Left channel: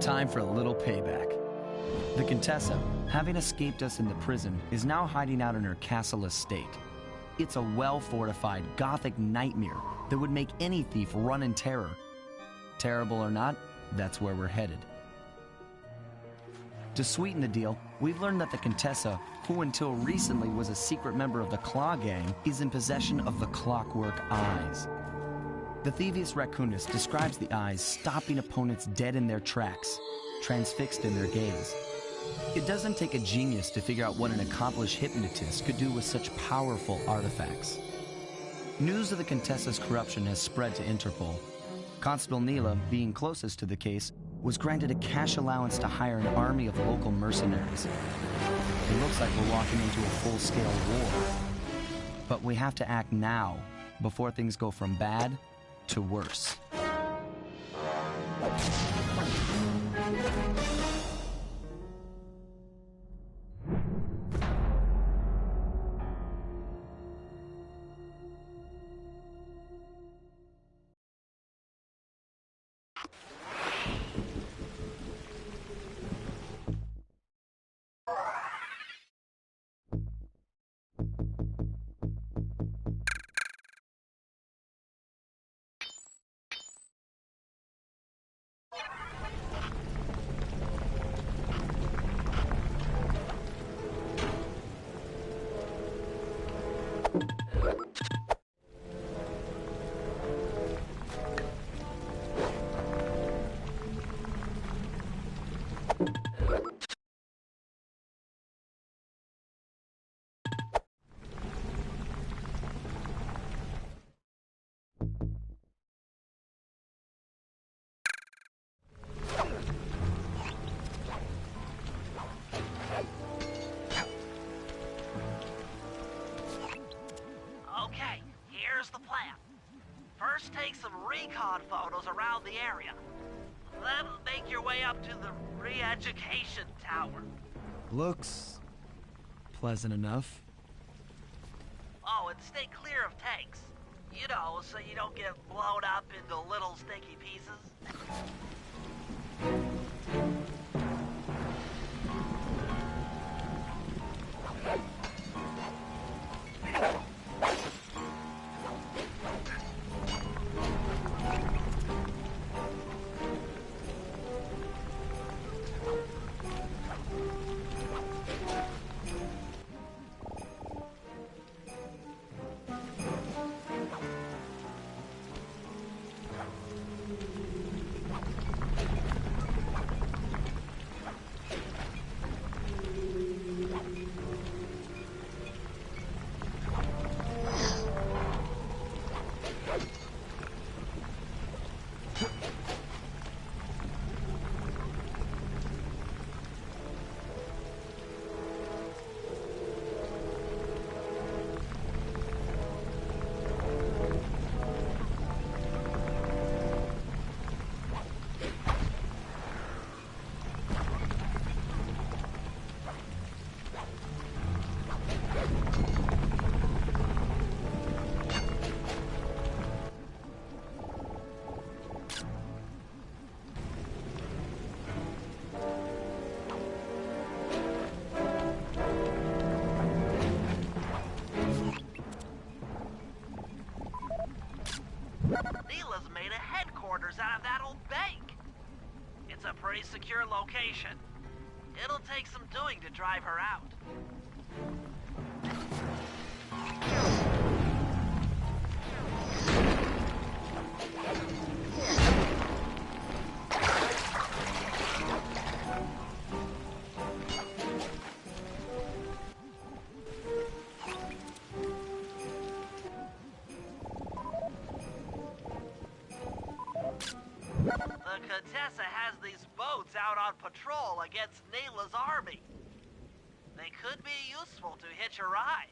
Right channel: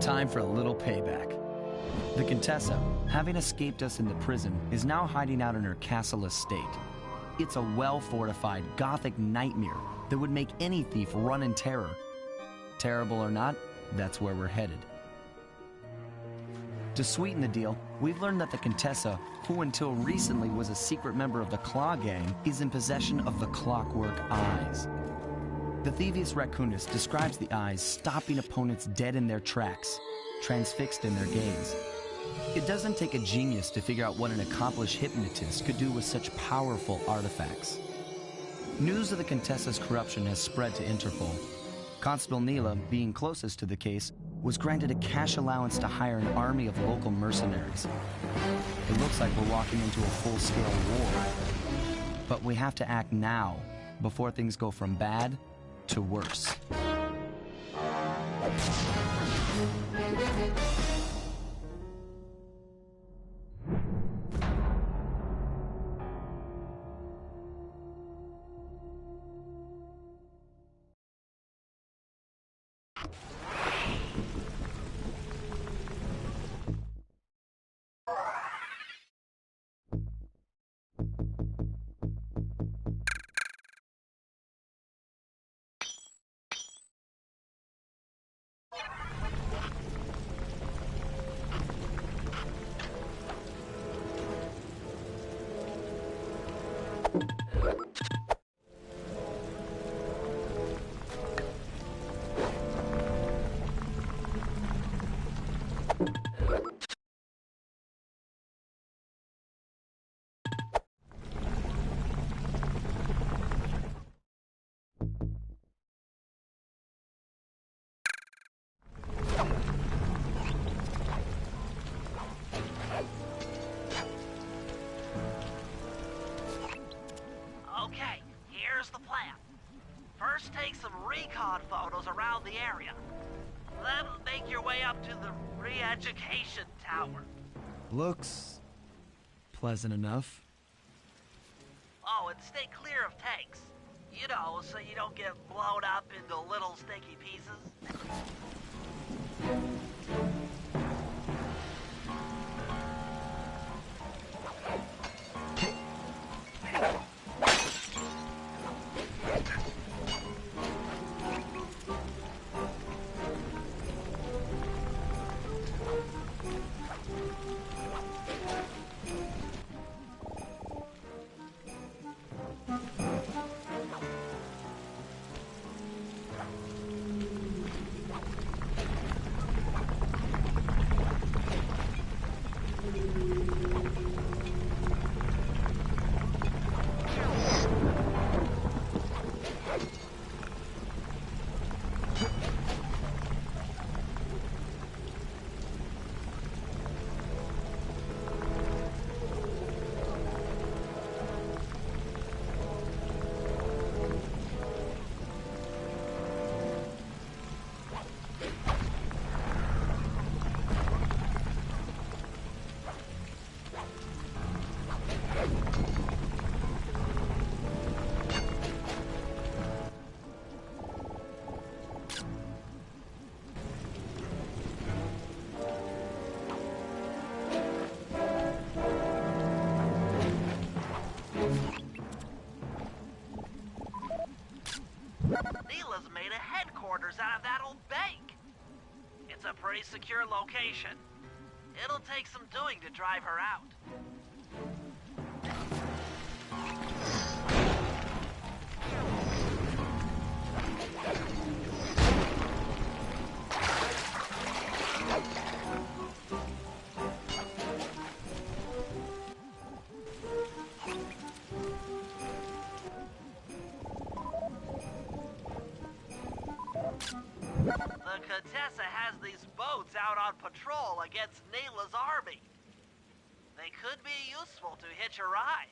Time for a little payback. The Contessa, having escaped us in the prison, is now hiding out in her castle estate. It's a well-fortified Gothic nightmare that would make any thief run in terror. Terrible or not, that's where we're headed. To sweeten the deal, we've learned that the Contessa, who until recently was a secret member of the Claw Gang, is in possession of the Clockwork Eyes. The Thievius Raccoonus describes the eyes stopping opponents dead in their tracks, transfixed in their gaze. It doesn't take a genius to figure out what an accomplished hypnotist could do with such powerful artifacts. News of the Contessa's corruption has spread to Interpol. Constable Neela, being closest to the case, was granted a cash allowance to hire an army of local mercenaries. It looks like we're walking into a full-scale war. But we have to act now, before things go from bad to worse. First, take some recon photos around the area. Then make your way up to the re-education tower. Looks pleasant enough. Oh, and stay clear of tanks. You know, so you don't get blown up into little sticky pieces. Neela's made a headquarters out of that old bank. It's a pretty secure location. It'll take some doing to drive her out. The Contessa has these boats out on patrol against Neela's army. They could be useful to hitch a ride.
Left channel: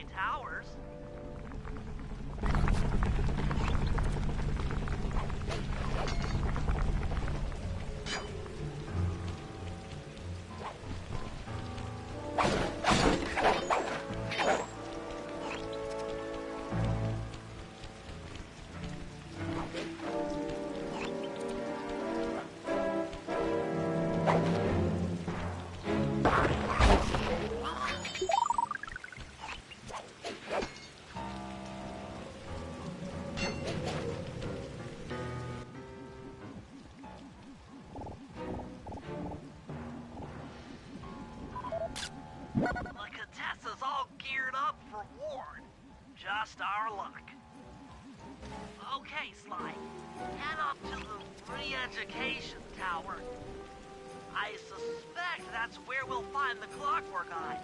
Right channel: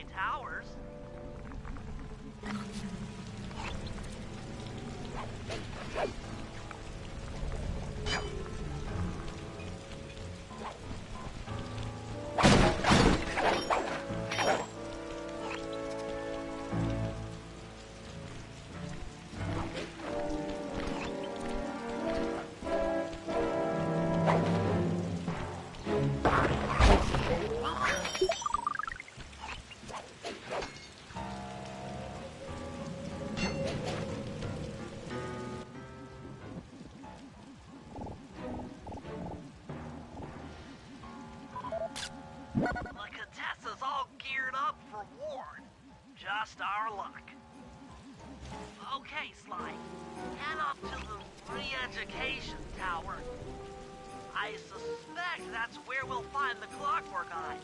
say towers. The Contessa's all geared up for war. Just our luck. Okay, Sly. Head up to the re-education tower. I suspect that's where we'll find the Clockwork Eyes.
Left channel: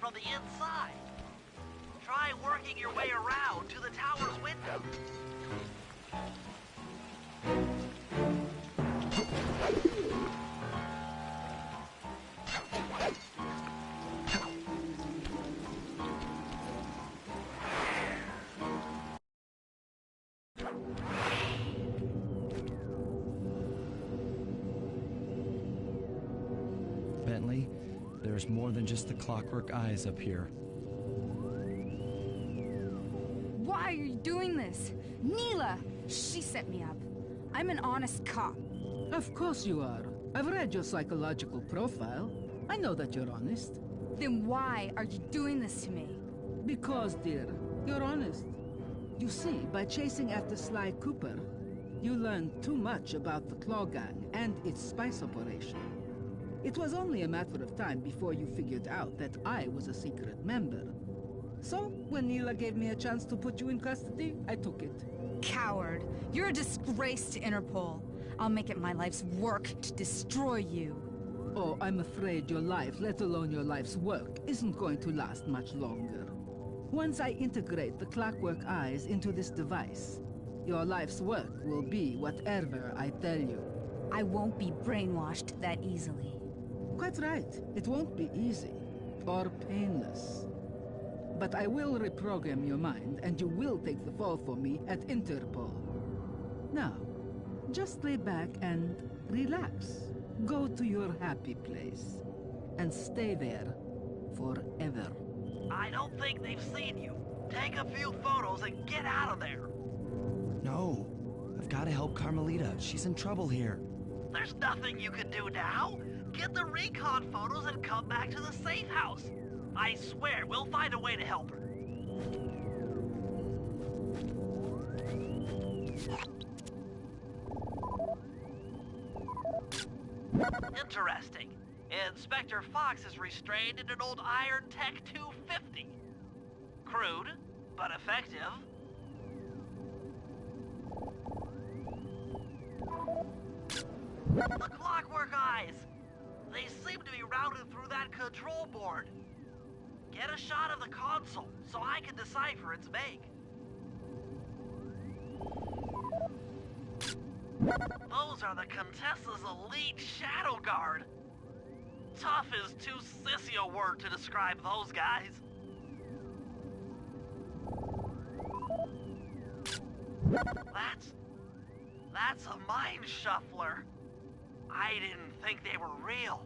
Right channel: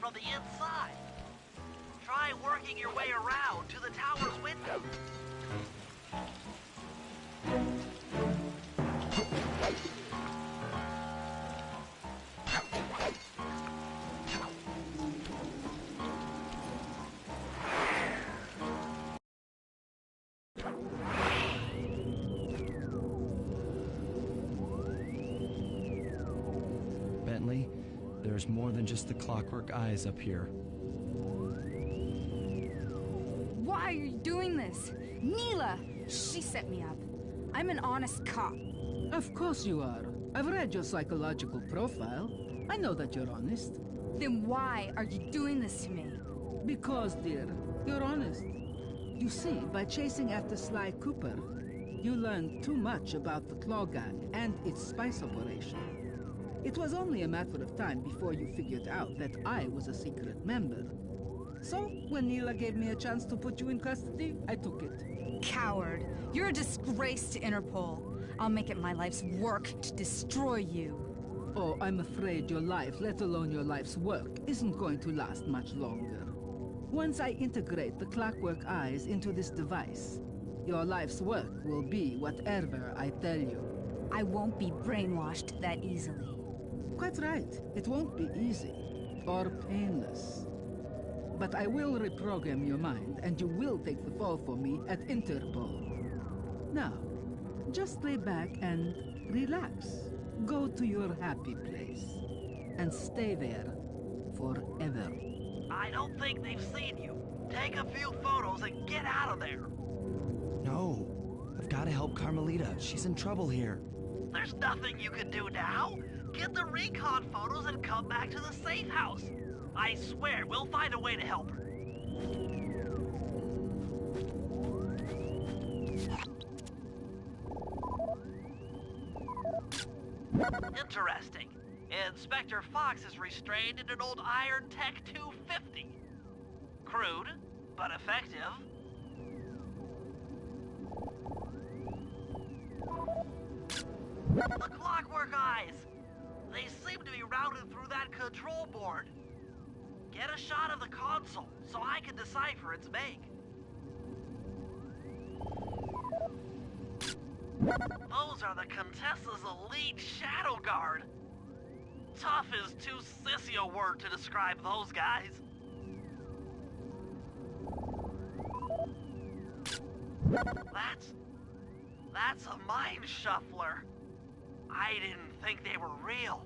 From the inside. Try working your way around to the tower's window. Bentley, there's more than just the Clockwork Eyes up here. Why are you doing this? Neela! She set me up. I'm an honest cop. Of course you are. I've read your psychological profile. I know that you're honest. Then why are you doing this to me? Because, dear, you're honest. You see, by chasing after SlyCooper, you learned too much about the Claw Gang and its spice operation. It was only a matter of time before you figured out that I was a secret member. So, when Neela gave me a chance to put you in custody, I took it. Coward. You're a disgrace to Interpol. I'll make it my life's work to destroy you. Oh, I'm afraid your life, let alone your life's work, isn't going to last much longer. Once I integrate the Clockwork Eyes into this device, your life's work will be whatever I tell you. I won't be brainwashed that easily. Quite right. It won't be easy, or painless. But I will reprogram your mind, and you will take the fall for me at Interpol. Now, just lay back and relax. Go to your happy place, and stay there forever. I don't think they've seen you. Take a few photos and get out of there. No, I've got to help Carmelita. She's in trouble here. There's nothing you can do now. Get the recon photos and come back to the safe house. I swear, we'll find a way to help her. Interesting. Inspector Fox is restrained in an old Iron Tech 250. Crude, but effective. The Clockwork Eyes! They seem to be routed through that control board. Get a shot of the console so I can decipher its make. Those are the Contessa's elite Shadow Guard. Tough is too sissy a word to describe those guys. That's a mind shuffler. I didn't think they were real.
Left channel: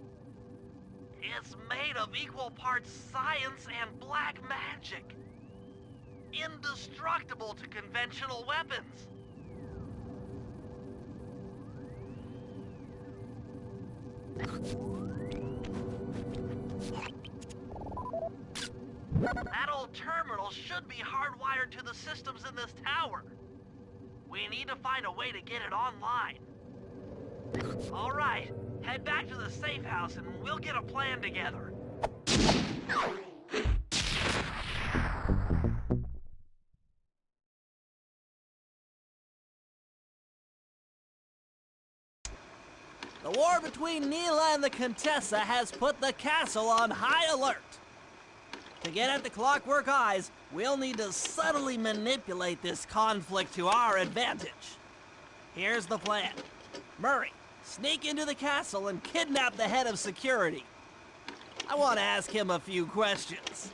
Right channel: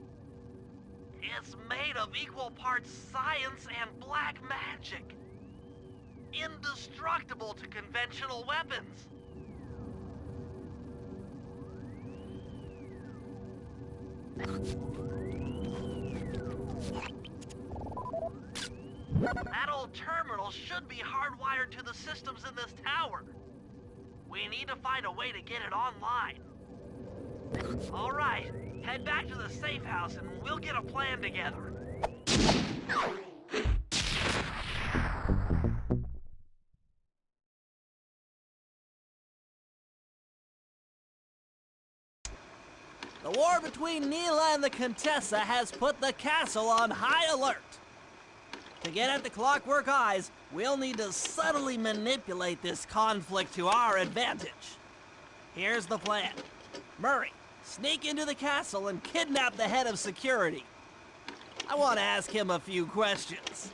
It's made of equal parts science and black magic. Indestructible to conventional weapons. That old terminal should be hardwired to the systems in this tower. We need to find a way to get it online. All right, head back to the safe house and we'll get a plan together. The war between Neela and the Contessa has put the castle on high alert. To get at the Clockwork Eyes, we'll need to subtly manipulate this conflict to our advantage. Here's the plan. Murray, sneak into the castle and kidnap the head of security. I want to ask him a few questions.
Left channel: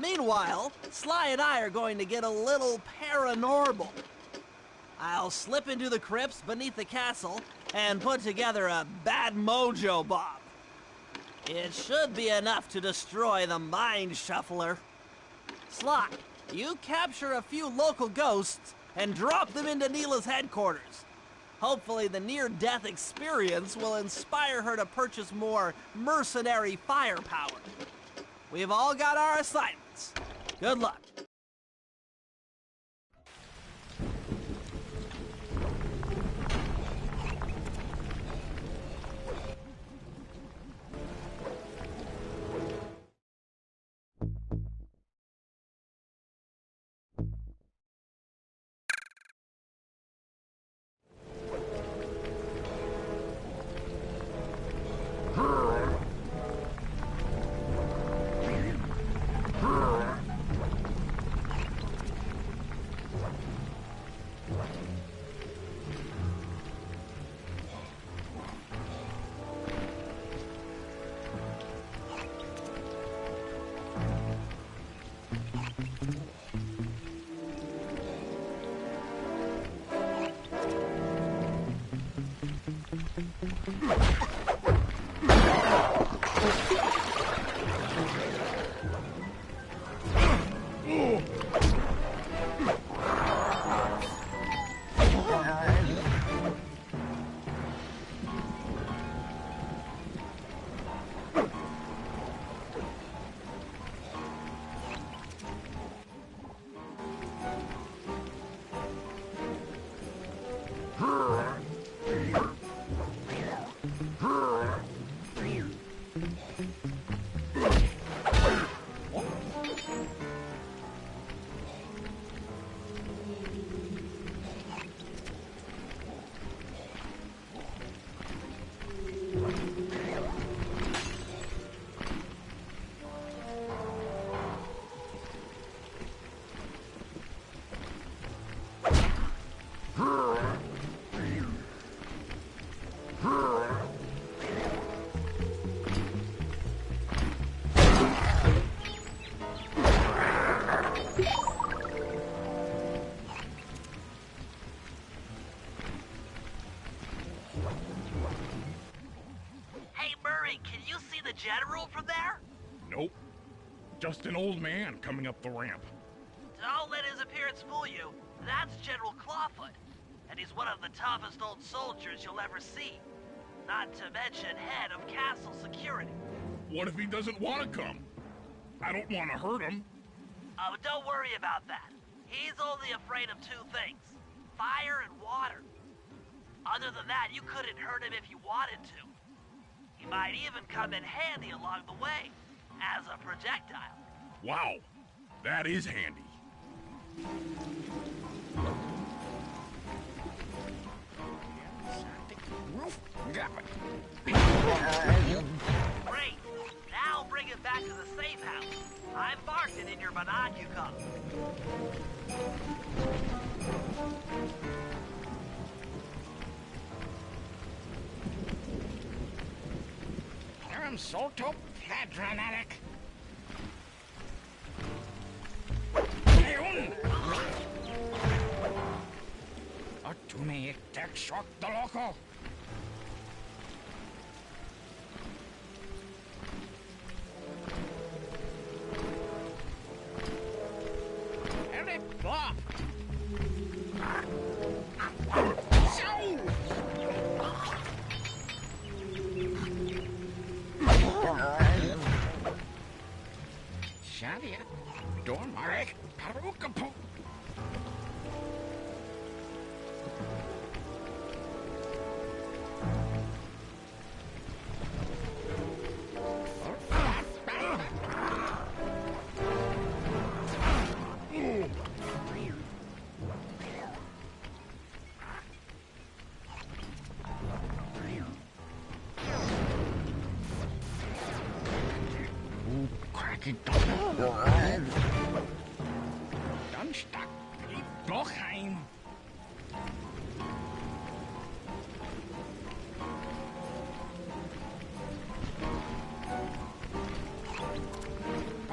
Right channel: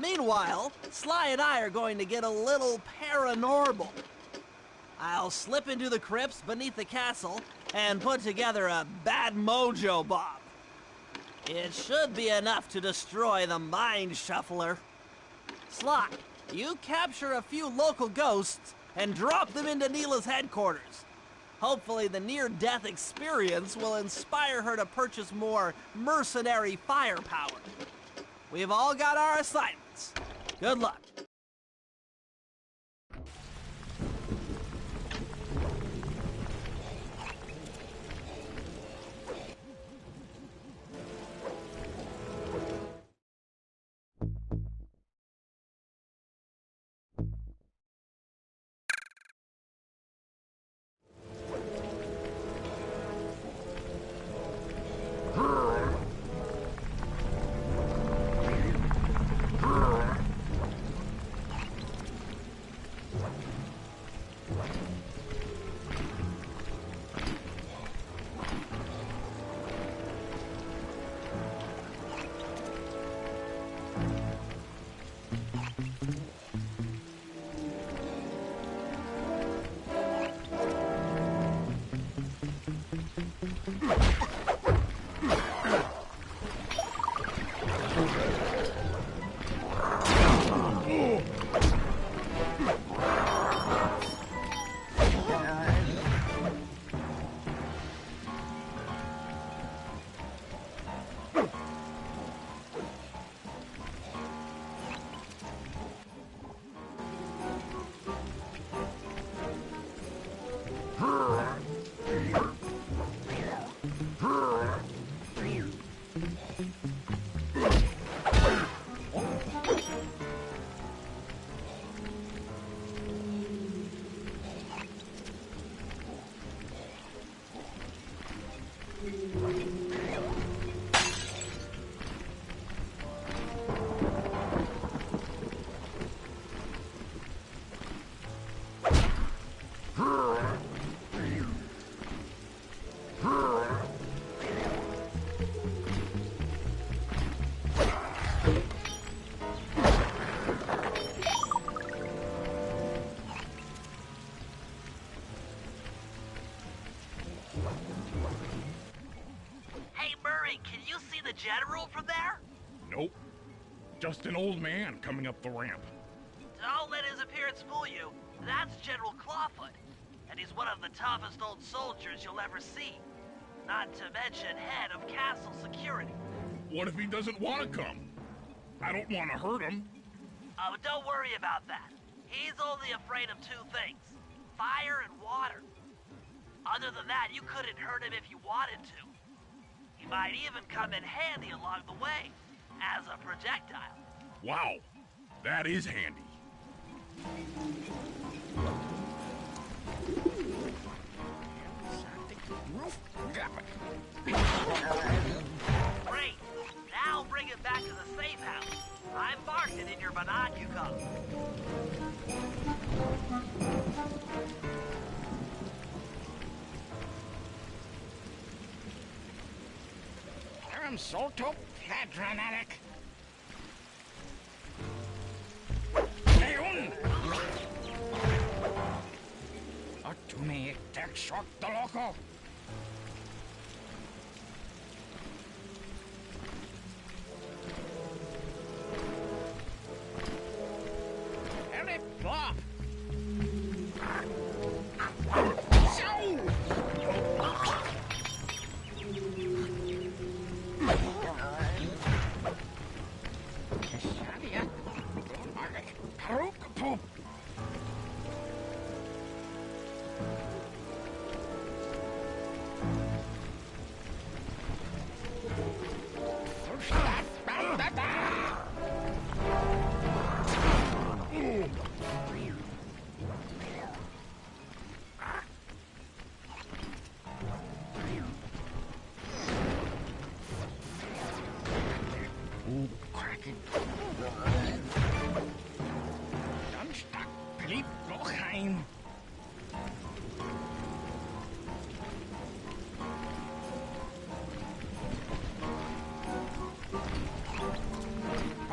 Meanwhile, Sly and I are going to get a little paranormal. I'll slip into the crypts beneath the castle and put together a bad mojo bomb. It should be enough to destroy the Mind Shuffler. Sly, you capture a few local ghosts and drop them into Neela's headquarters. Hopefully the near-death experience will inspire her to purchase more mercenary firepower. We've all got our assignments. Good luck. Can you see the general from there? Nope. Just an old man coming up the ramp. Don't let his appearance fool you. That's General Clawfoot. And he's one of the toughest old soldiers you'll ever see. Not to mention head of castle security. What if he doesn't want to come? I don't want to hurt him. Oh, don't worry about that. He's only afraid of two things. Fire and water. Other than that, you couldn't hurt him if you wanted to. He might even come in handy along the way, as a projectile. Wow, that is handy. Great. Now bring it back to the safe house. I've marked it in your binocular. Ooh, crack it. Keep going.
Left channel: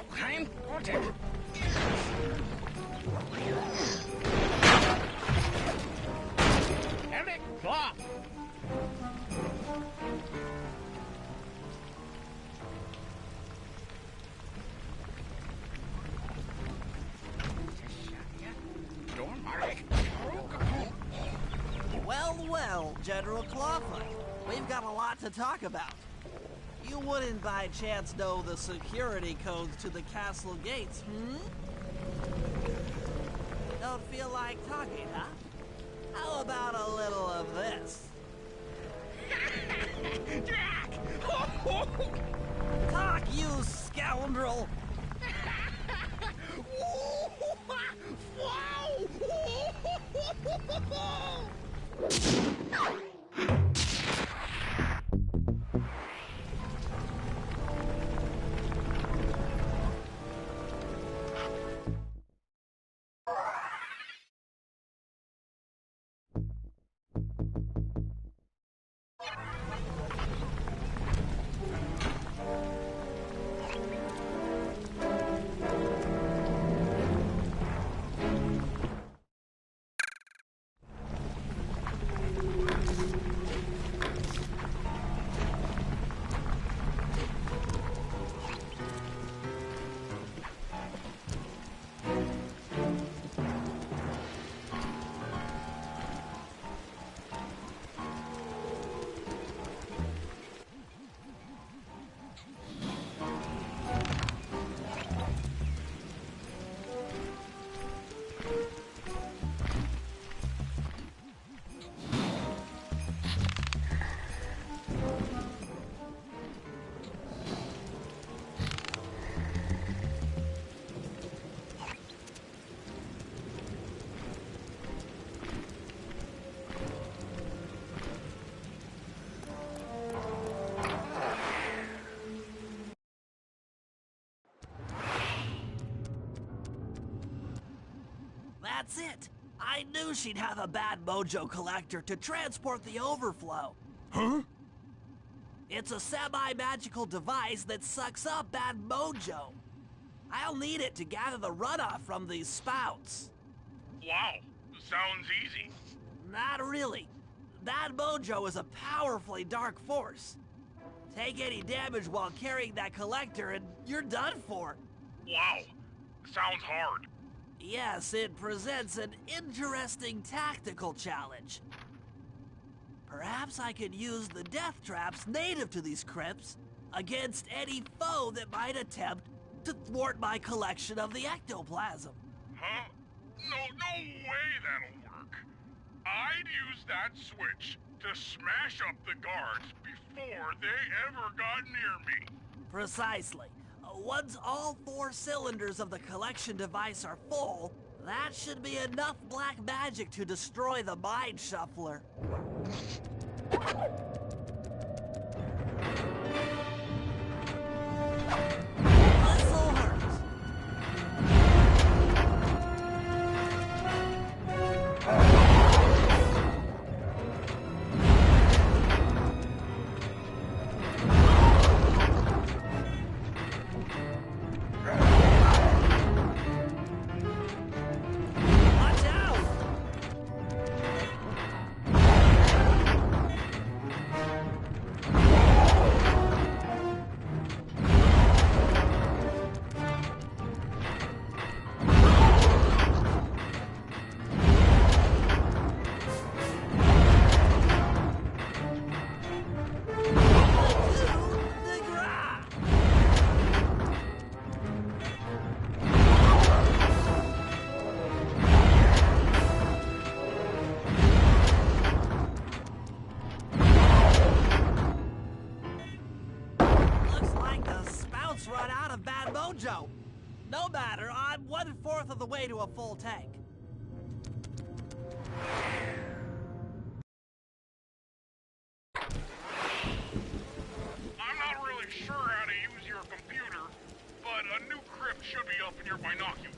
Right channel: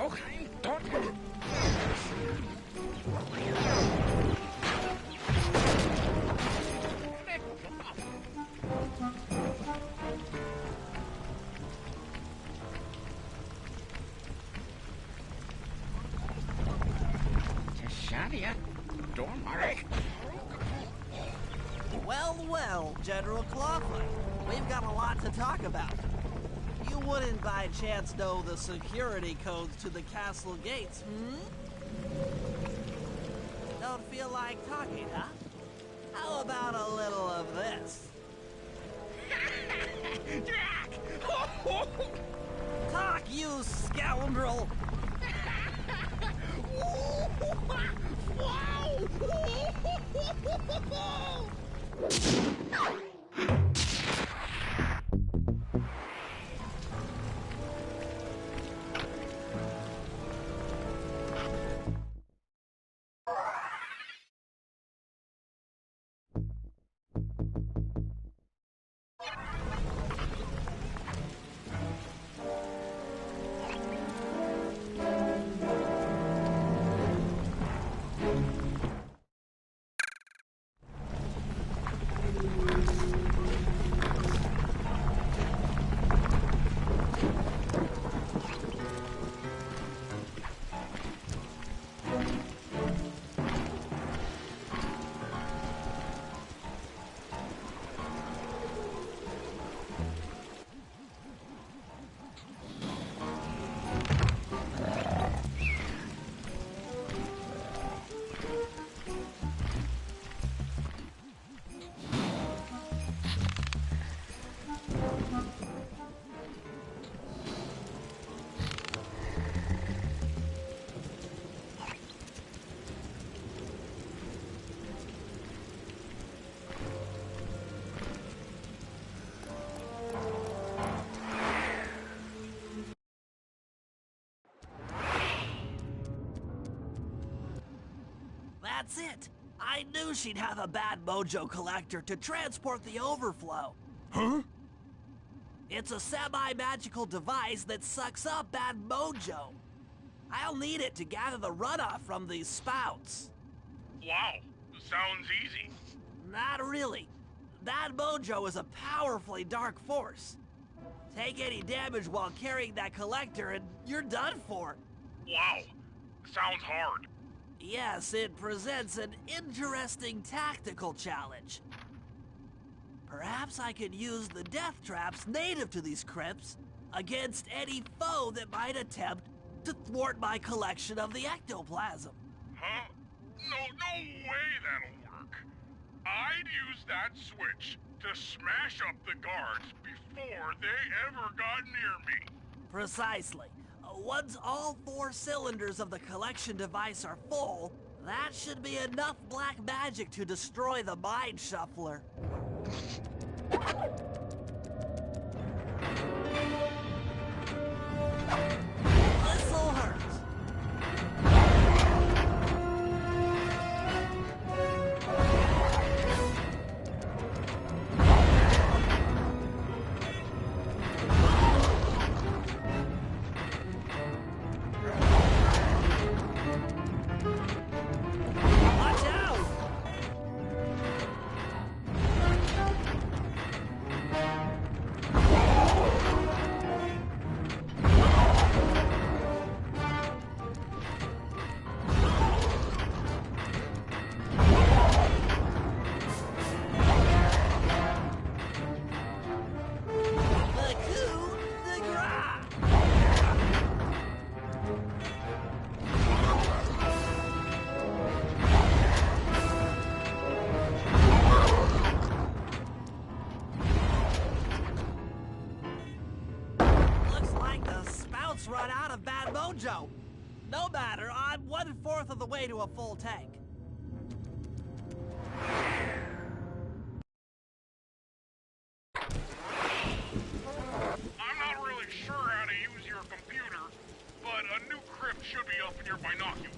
Okay, doctor. Clock. Just shot ya. Well, well, General Clawfoot, we've got a lot to talk about. You wouldn't by chance know the security codes to the castle gates, Don't feel like talking, huh? How about a little of this? Jack! Talk, you scoundrel! That's it! I knew she'd have a bad mojo collector to transport the overflow. Huh? It's a semi-magical device that sucks up bad mojo. I'll need it to gather the runoff from these spouts. Wow, sounds easy. Not really. Bad mojo is a powerfully dark force. Take any damage while carrying that collector and you're done for. Wow, sounds hard. Yes, it presents an interesting tactical challenge. Perhaps I could use the death traps native to these crypts against any foe that might attempt to thwart my collection of the ectoplasm. Huh? No way that'll work. I'd use that switch to smash up the guards before they ever got near me. Precisely. Once all 4 cylinders of the collection device are full, that should be enough black magic to destroy the Mind Shuffler. This'll hurt. Watch out! Run out of bad mojo. No matter, I'm 1/4 of the way to a full tank. I'm not really sure how to use your computer, but a new crypt should be up in your binocular.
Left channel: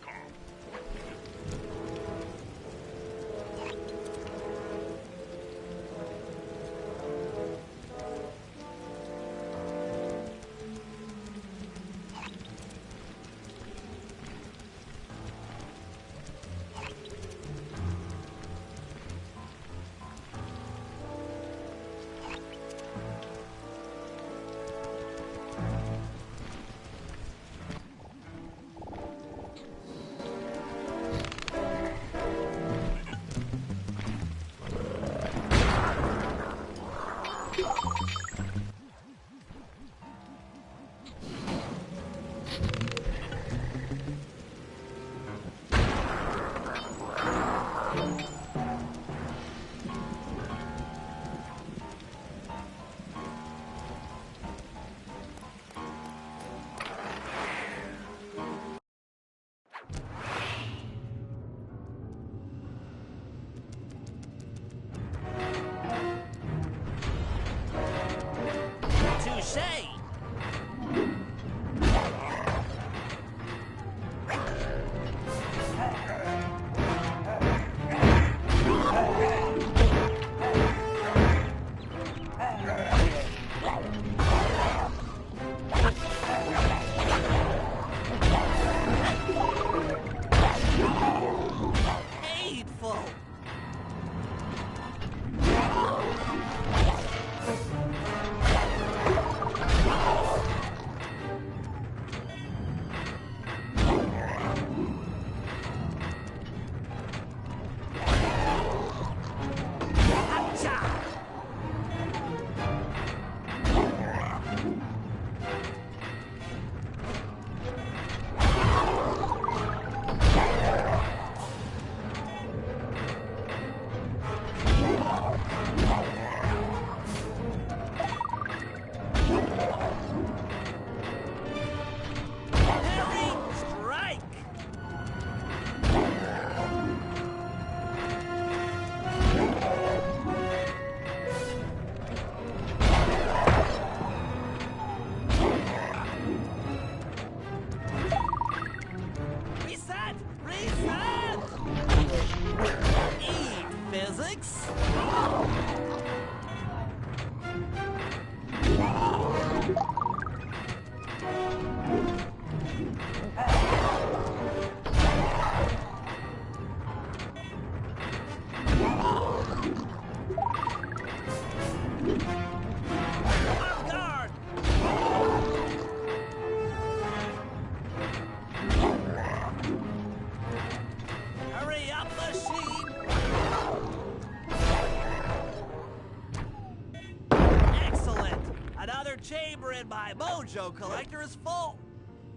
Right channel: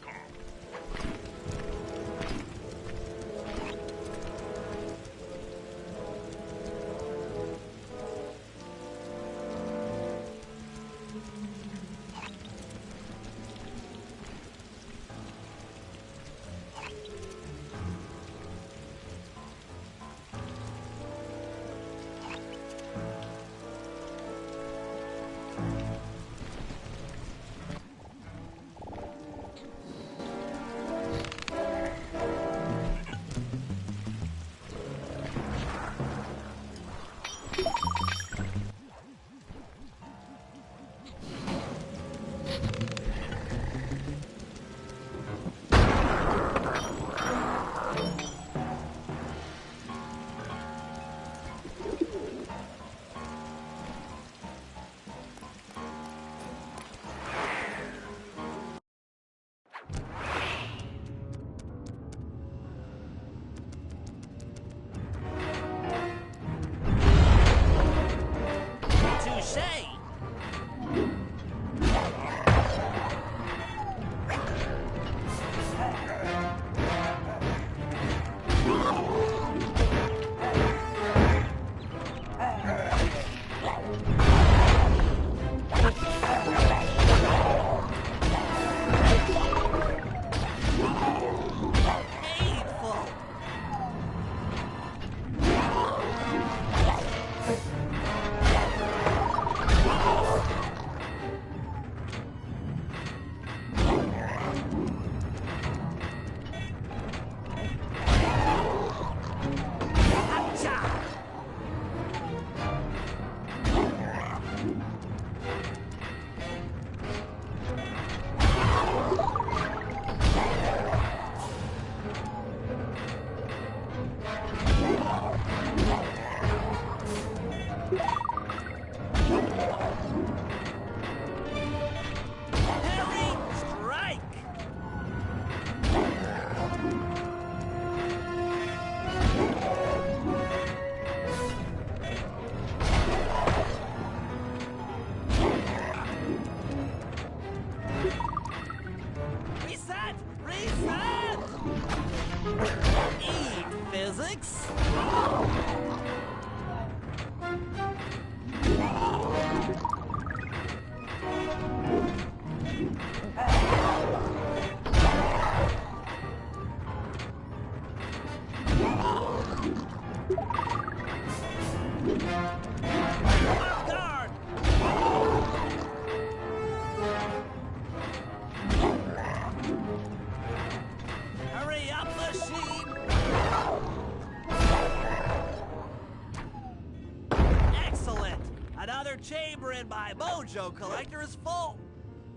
Chamber in my mojo collector is full.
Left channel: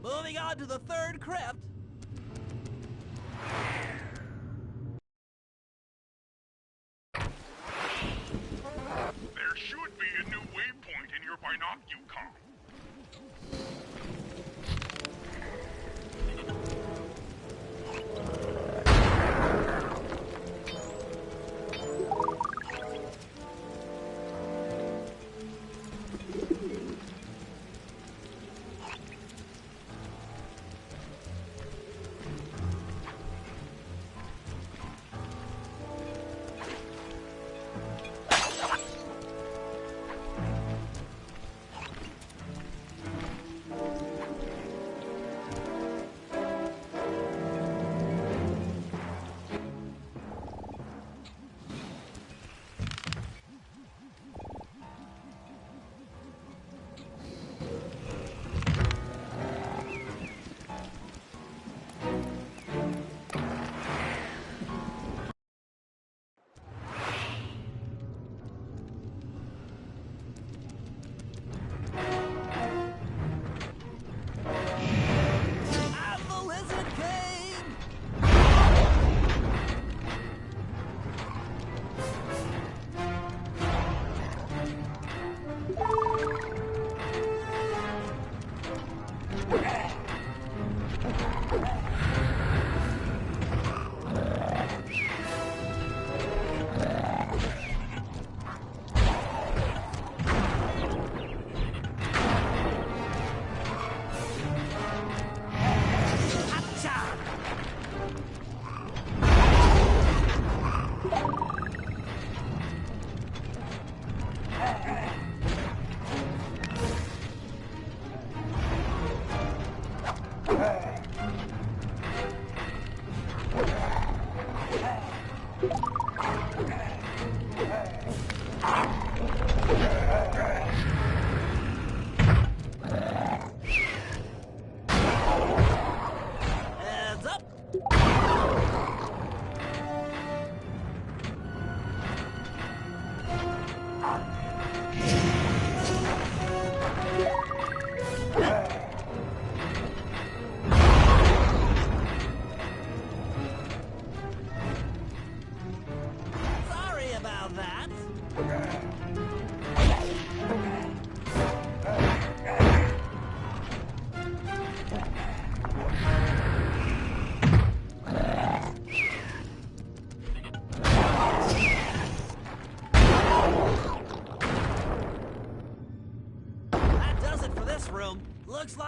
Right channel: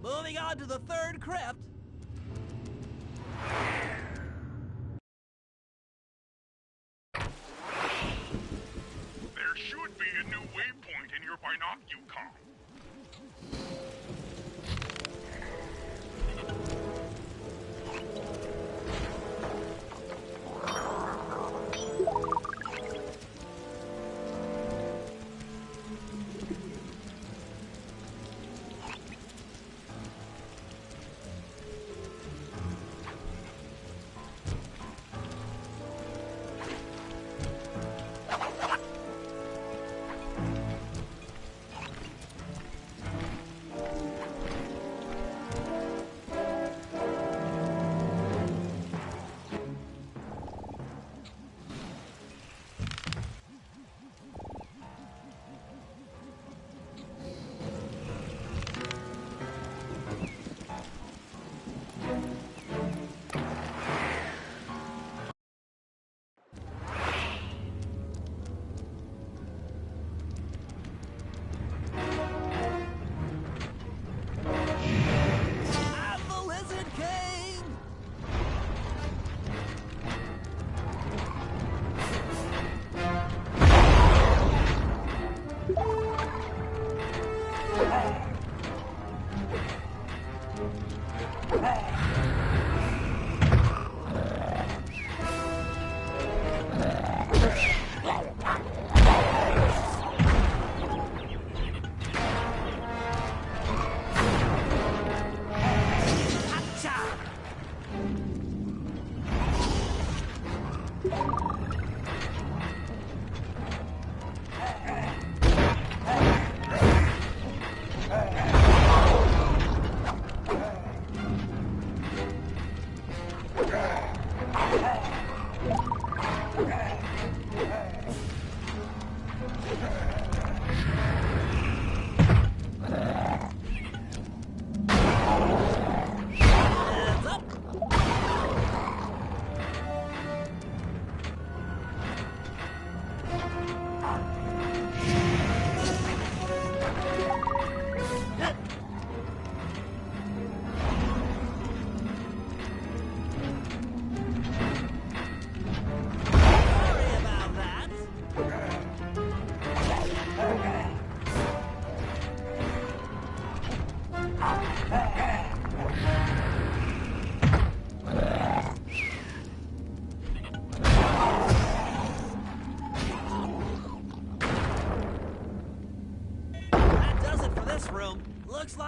Moving on to the third crypt. There should be a new waypoint in your binocular.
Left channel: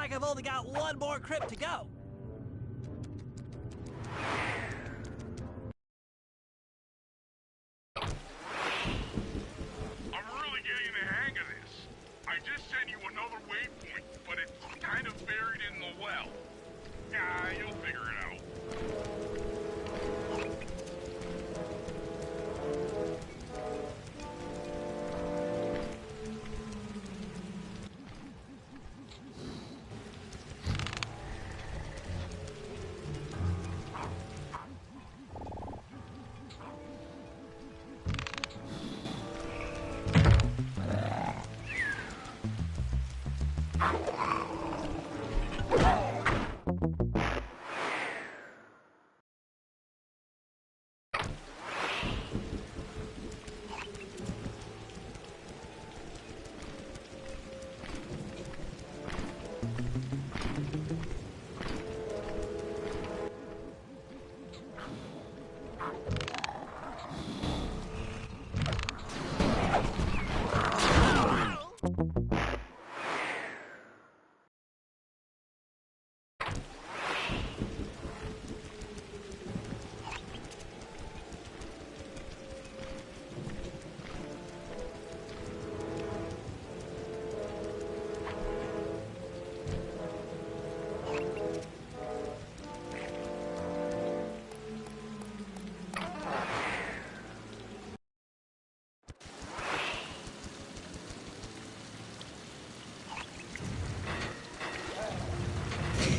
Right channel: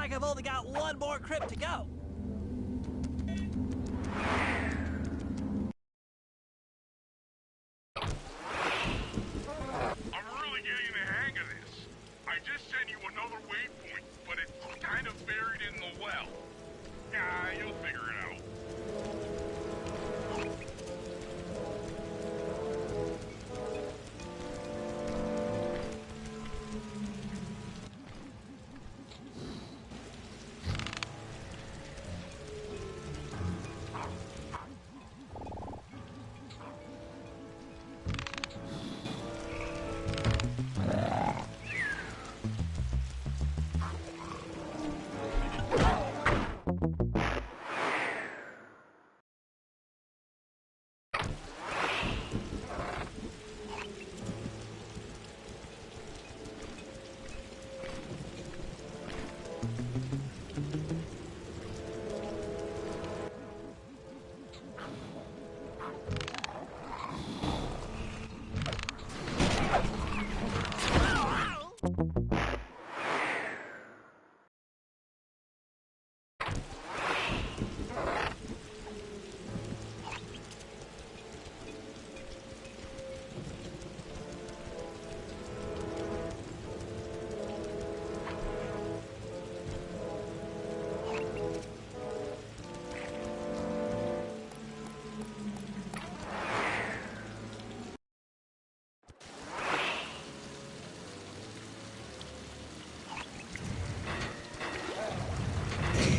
like I've only got one more crypt to go. I'm really getting the hang of this. I just sent you another waypoint, but it's kind of buried in the well. Yeah, you'll figure it out.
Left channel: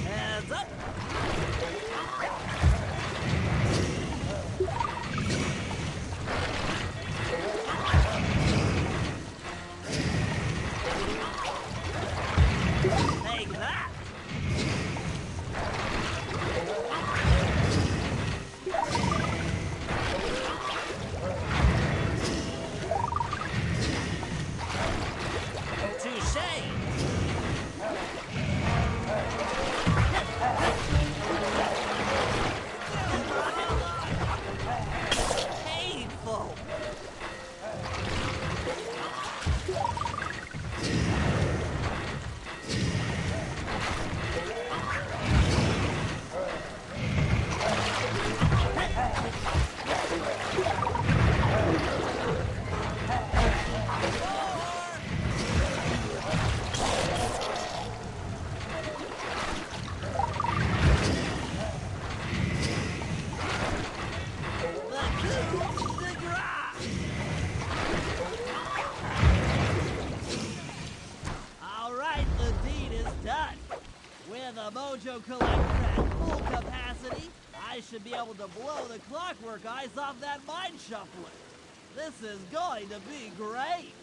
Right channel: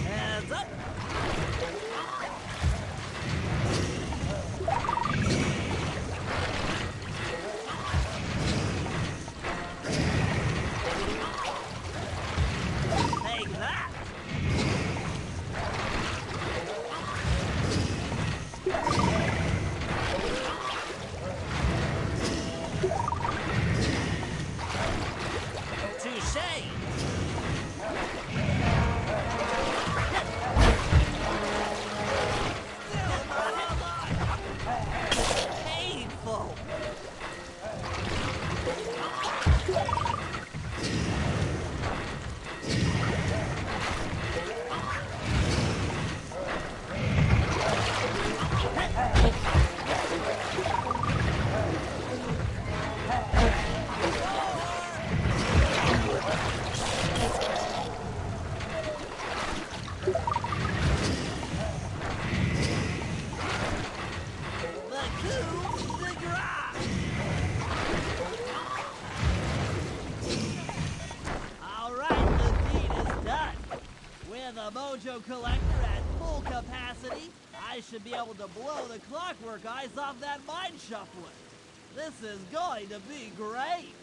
Heads up! Take that! Touche! Painful! The coup de grace! Alright, the deed is done. With a mojo collector at full capacity, I should be able to blow the clockwork eyes off that mine shuffler. This is going to be great.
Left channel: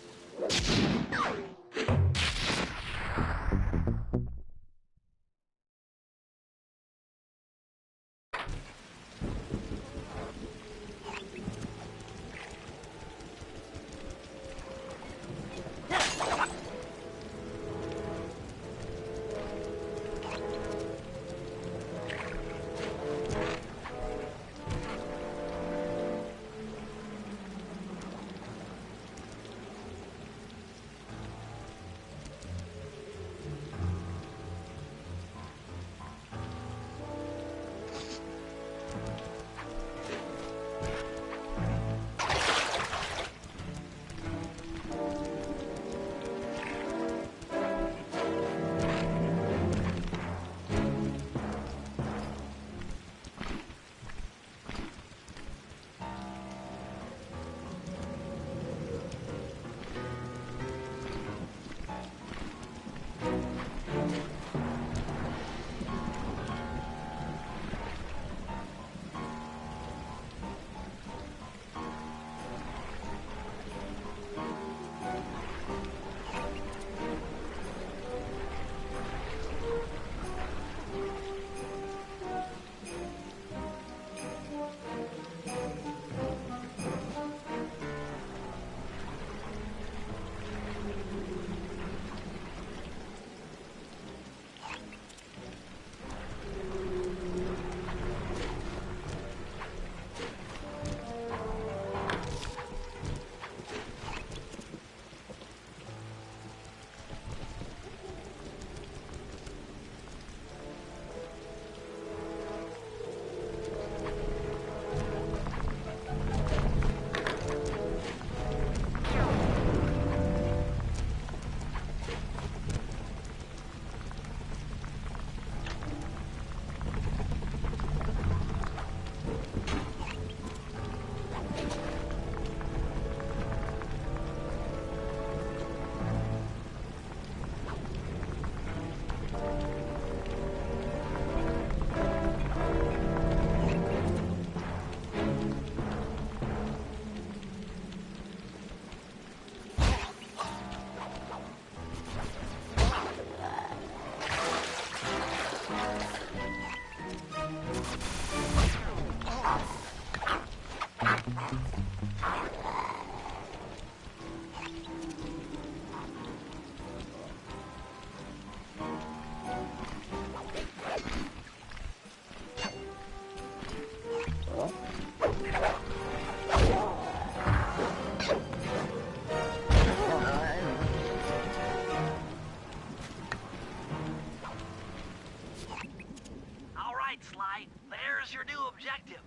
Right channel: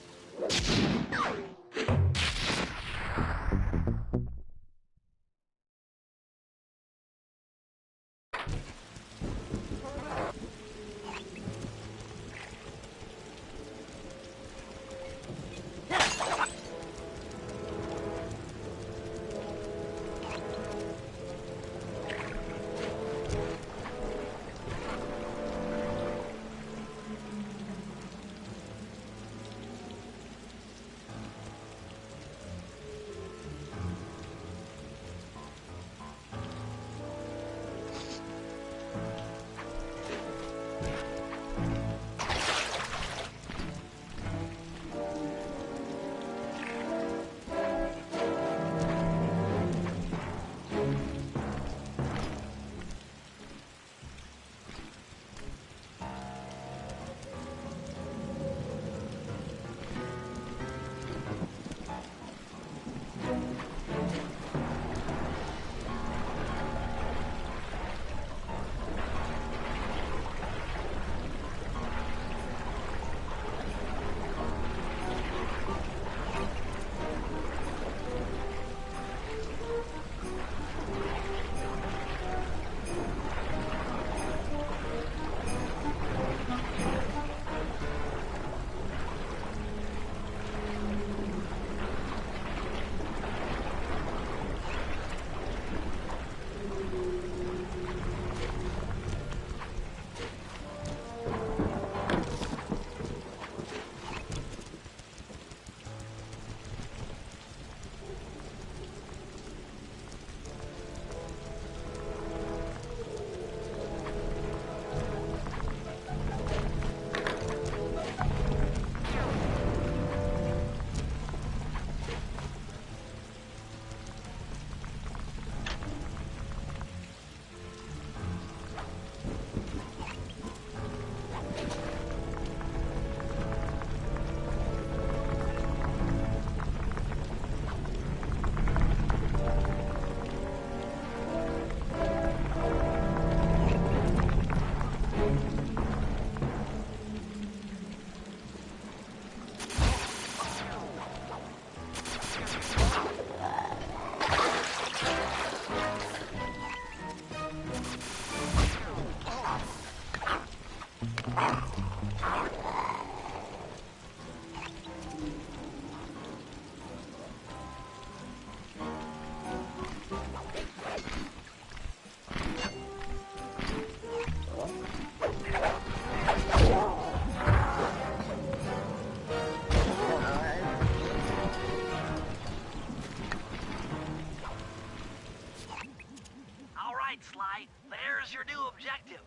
Here's your new objective.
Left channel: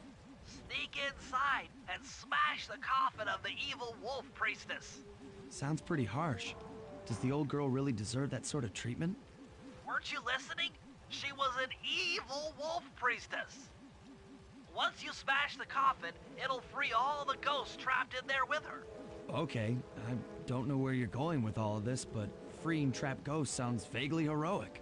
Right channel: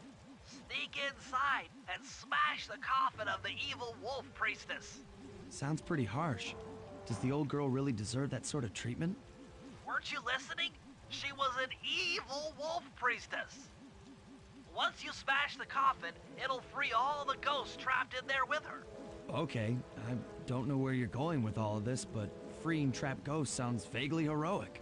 Sneak inside and smash the coffin of the evil wolf priestess. Sounds pretty harsh. Does the old girl really deserve that sort of treatment? Weren't you listening? She was an evil wolf priestess. Once you smash the coffin, it'll free all the ghosts trapped in there with her. Okay, I don't know where you're going with all of this, but freeing trapped ghosts sounds vaguely heroic.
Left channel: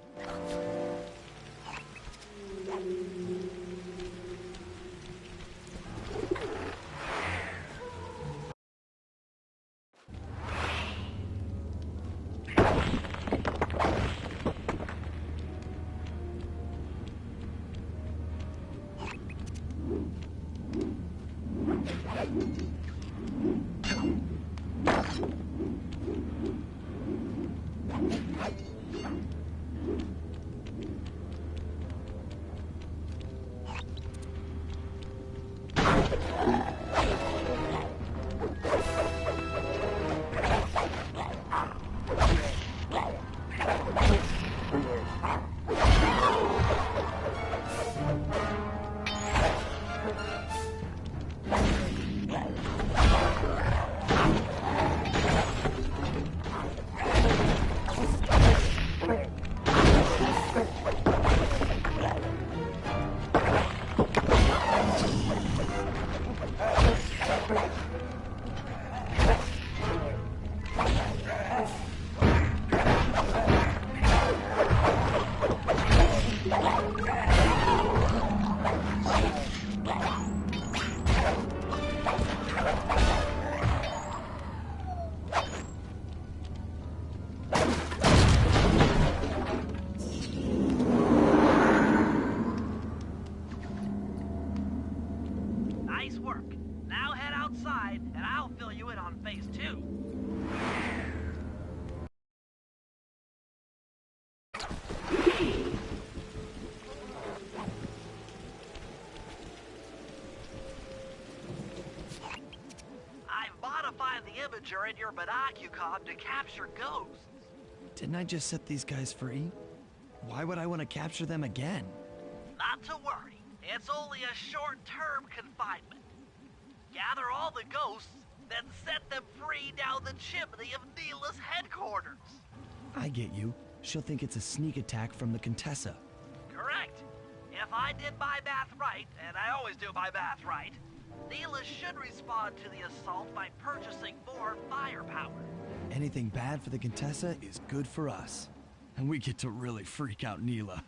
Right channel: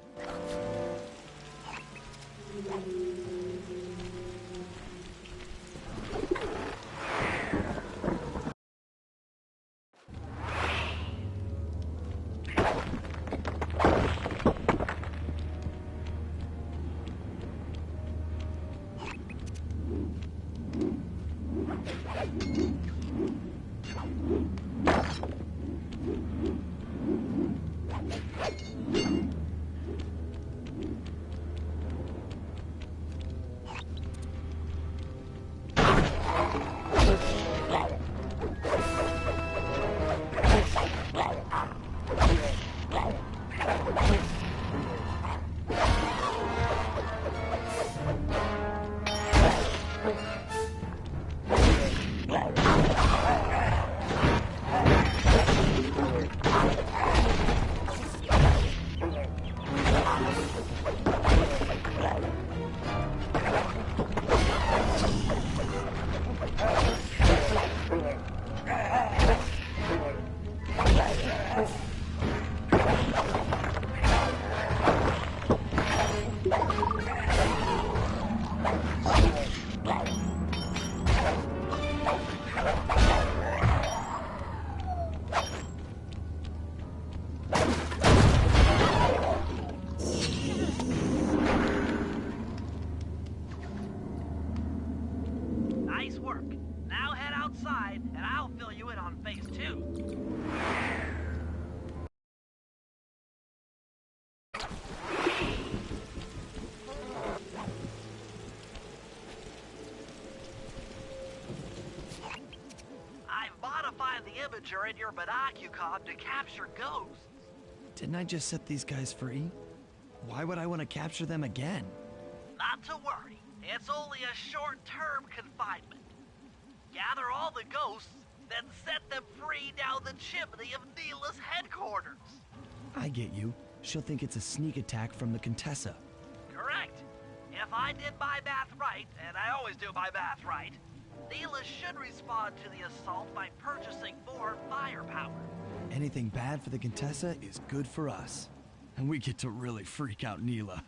Imager in your binocular to capture ghosts. Didn't I just set these guys free? Why would I want to capture them again? Not to worry. It's only a short-term confinement. Gather all the ghosts, then set them free down the chimney of Neela's headquarters. I get you. She'll think it's a sneak attack from the Contessa. Correct. If I did my math right, and I always do my math right, Neela should respond to the assault by purchasing more firepower. Anything bad for the Contessa is good for us. And we get to really freak out Neela.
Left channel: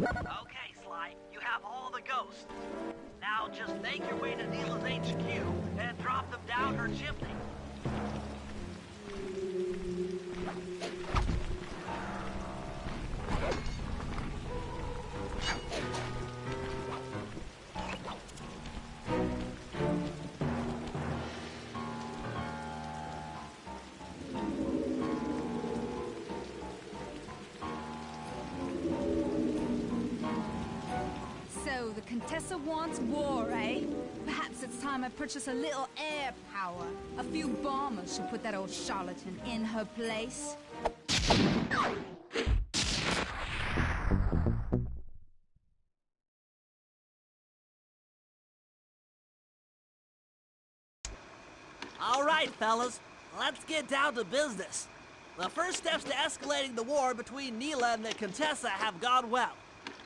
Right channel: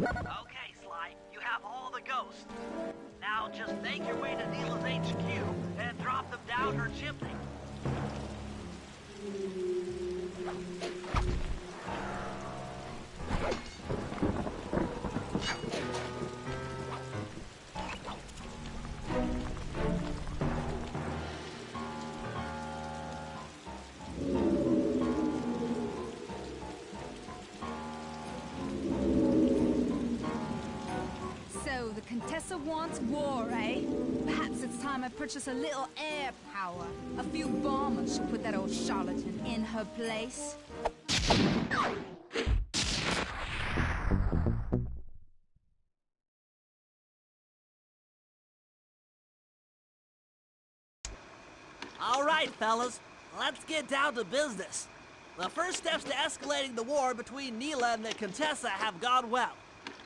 Okay, Sly, you have all the ghosts. Now just make your way to Neela's HQ and drop them down her chimney. So, the Contessa wants war, eh? Perhaps it's time I purchase a little air power. A few bombers should put that old charlatan in her place. All right, fellas, let's get down to business. The first steps to escalating the war between Neela and the Contessa have gone well.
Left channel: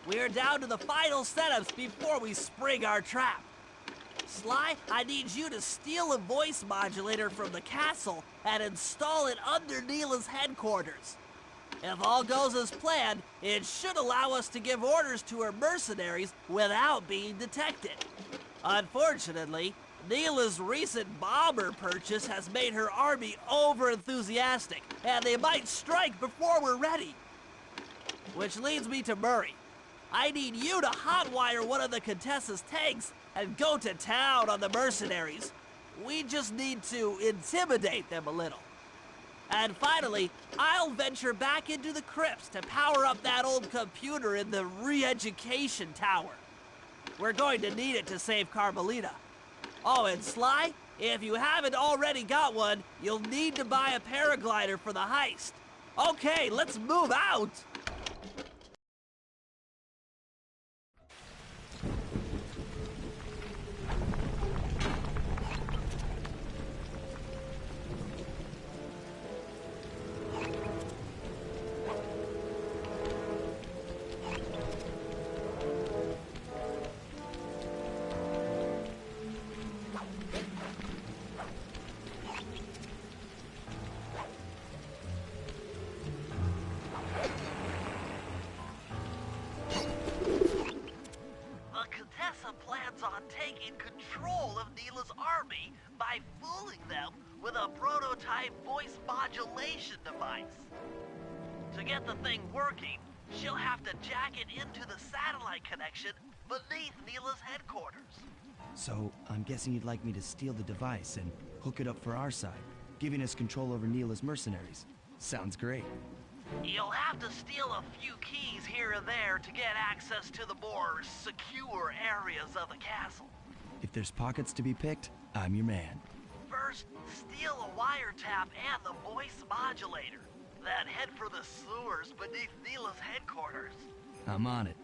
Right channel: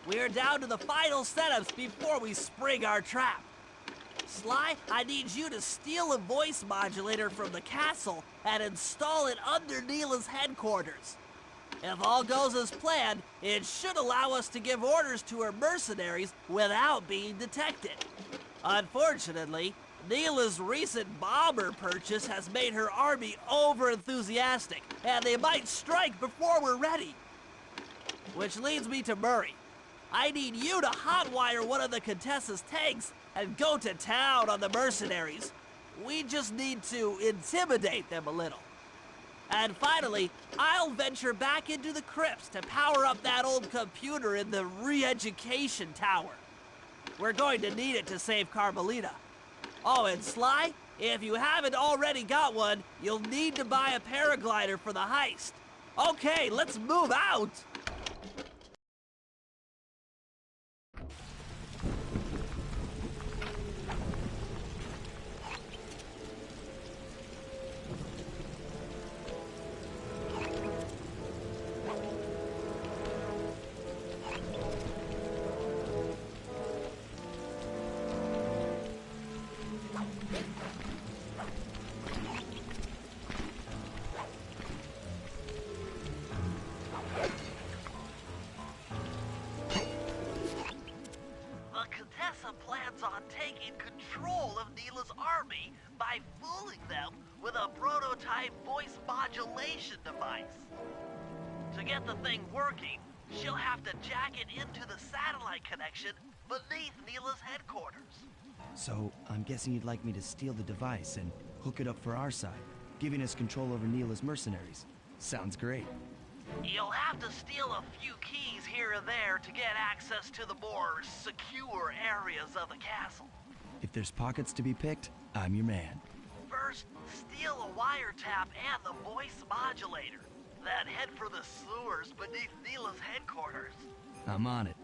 We're down to the final setups before we spring our trap. Sly, I need you to steal a voice modulator from the castle and install it under Neela's headquarters. If all goes as planned, it should allow us to give orders to her mercenaries without being detected. Unfortunately, Neela's recent bomber purchase has made her army over-enthusiastic, and they might strike before we're ready. Which leads me to Murray. I need you to hotwire one of the Contessa's tanks and go to town on the mercenaries. We just need to intimidate them a little. And finally, I'll venture back into the crypts to power up that old computer in the re-education tower. We're going to need it to save Carmelita. Oh, and Sly, if you haven't already got one, you'll need to buy a paraglider for the heist. Okay, let's move out! Plans on taking control of Neela's army by fooling them with a prototype voice modulation device. To get the thing working, she'll have to jack it into the satellite connection beneath Neela's headquarters. So, I'm guessing you'd like me to steal the device and hook it up for our side, giving us control over Neela's mercenaries. Sounds great. You'll have to steal a few keys here and there to get access to the more secure areas of the castle. If there's pockets to be picked, I'm your man. First, steal a wiretap and the voice modulator. Then head for the sewers beneath Neela's headquarters. I'm on it.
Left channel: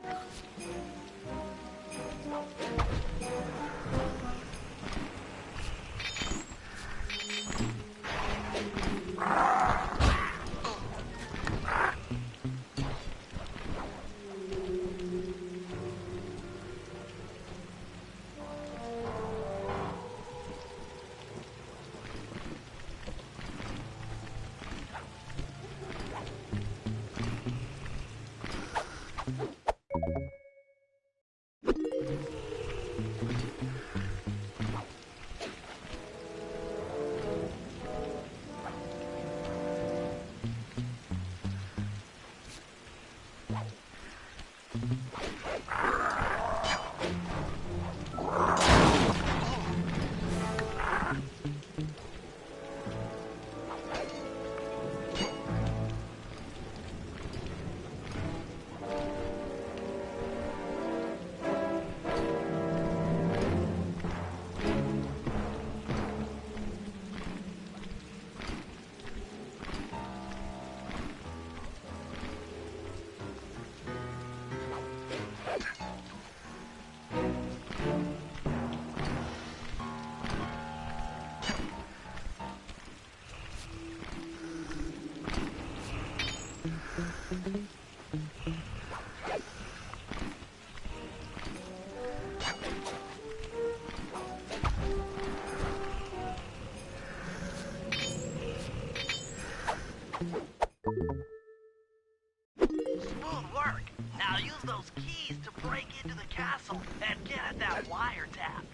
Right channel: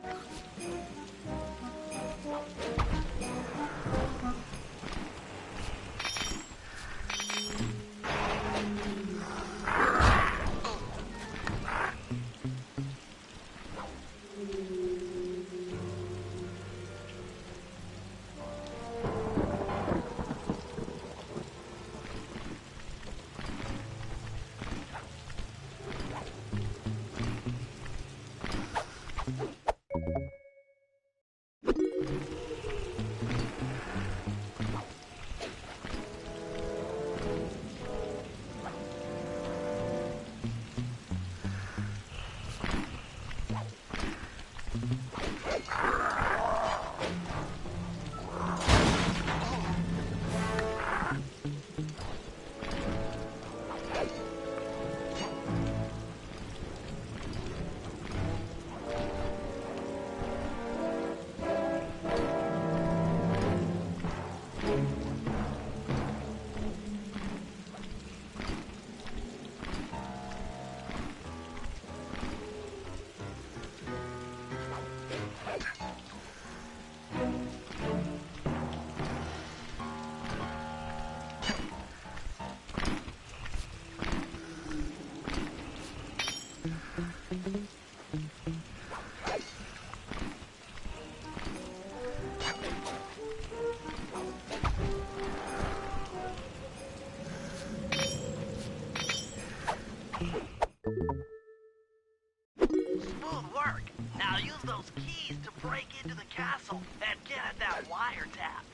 Smooth work. Now use those keys to break into the castle and get at that wiretap.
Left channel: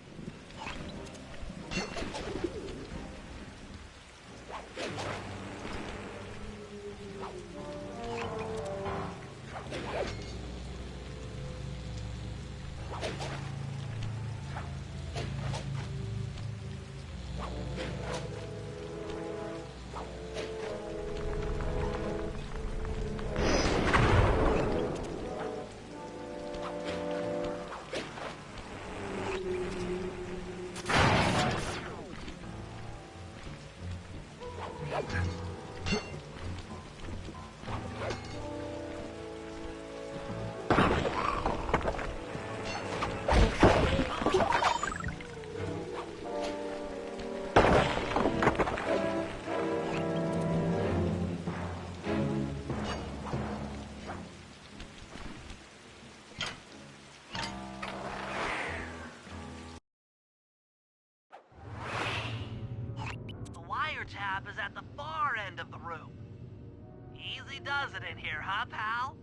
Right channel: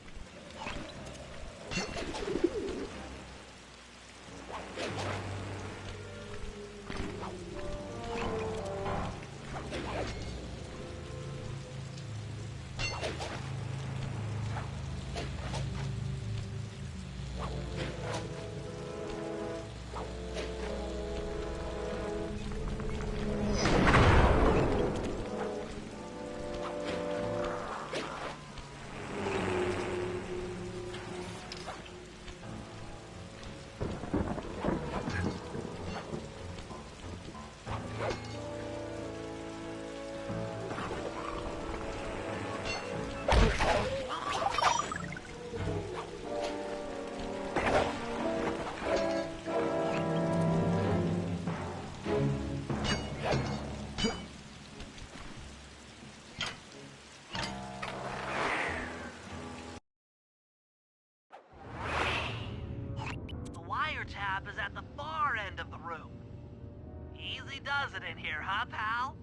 Tab is at the far end of the room. Easy does it in here, huh, pal?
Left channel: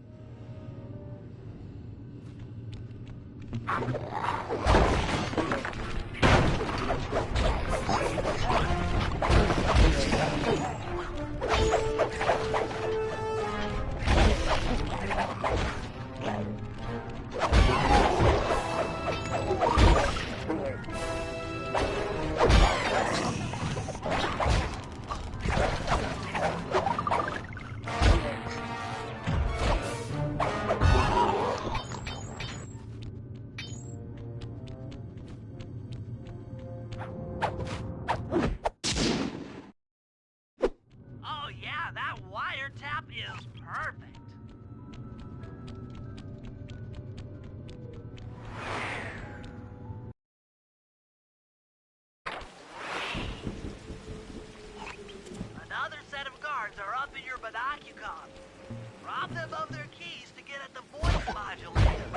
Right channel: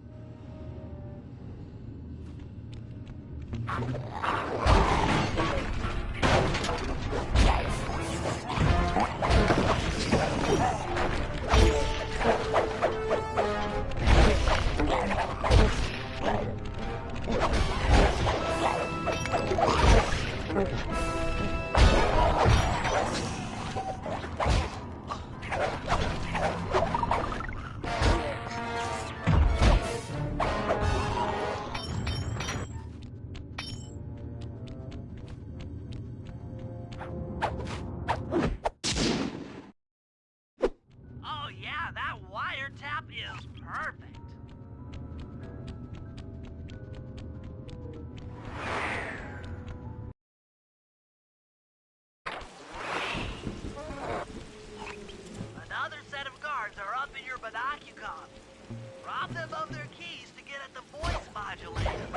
Is perfect. Another set of guards are up in your binocucom. Rob them of their keys to get at the voice modulator.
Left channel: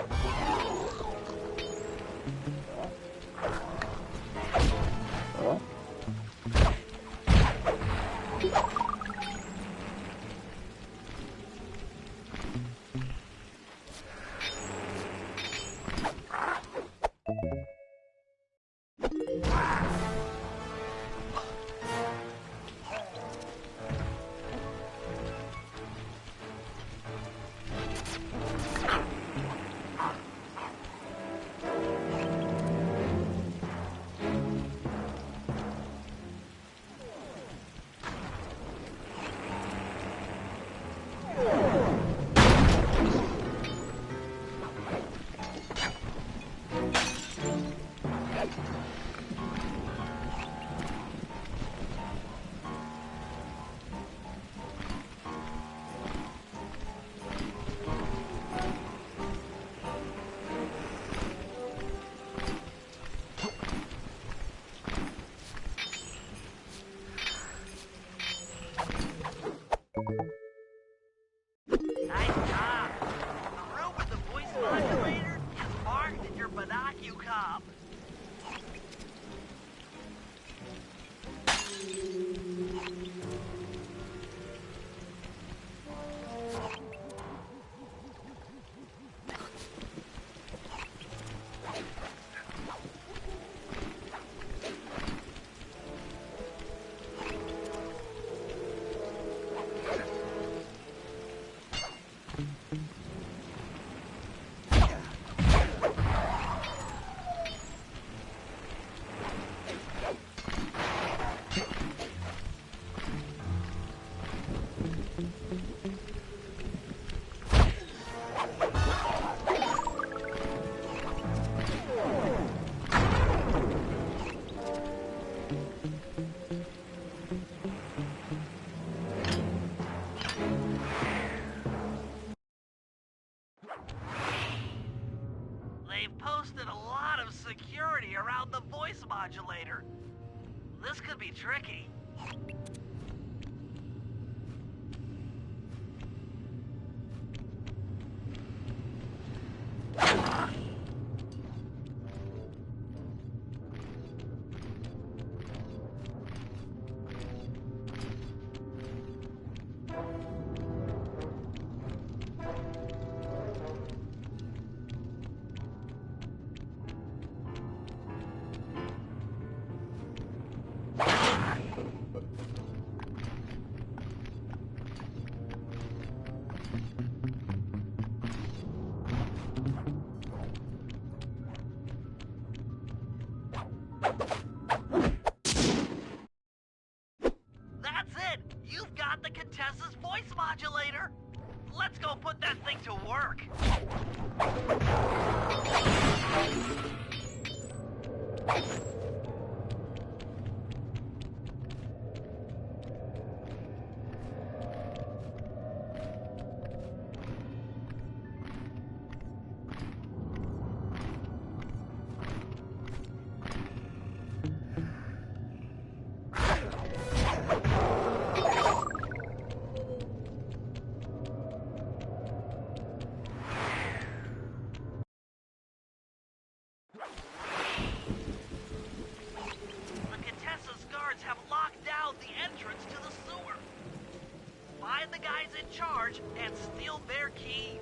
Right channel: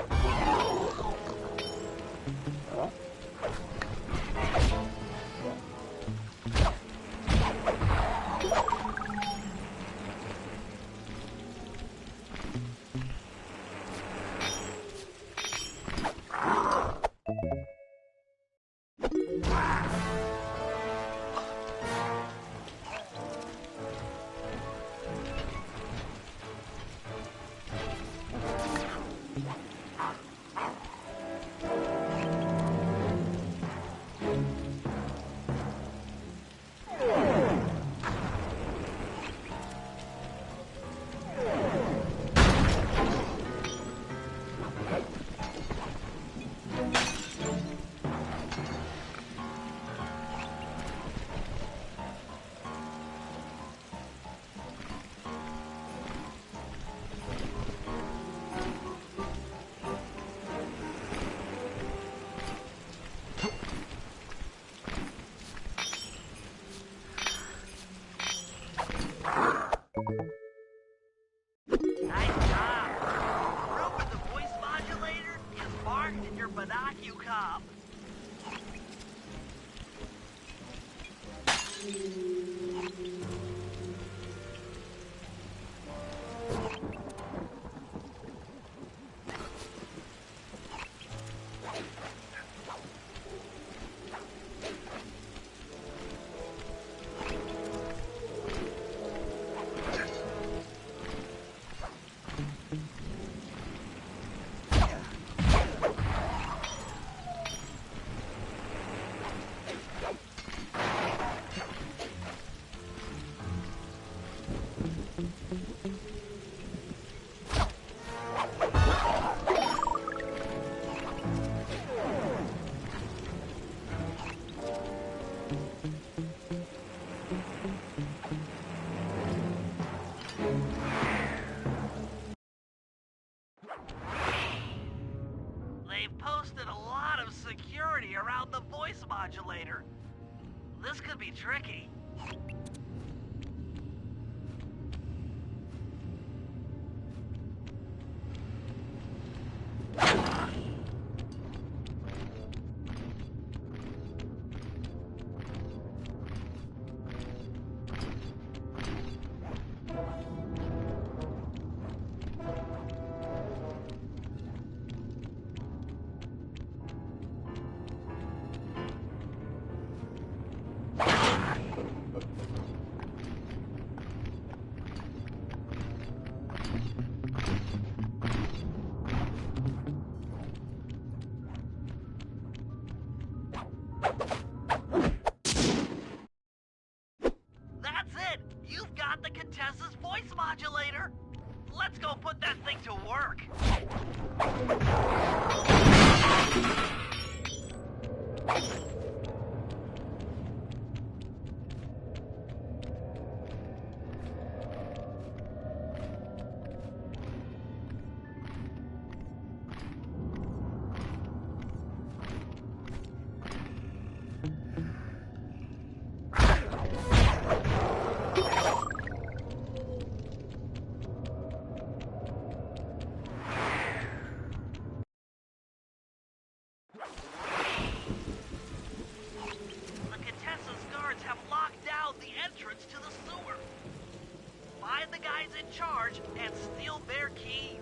barked at your binocular. They've posted a lot of security around the voice modulator. This could be tricky. That's it! You've got the Contessa's voice modulator! Let's go put that thing to work! Have locked down the entrance to the sewer. Find the guys in charge and steal their keys.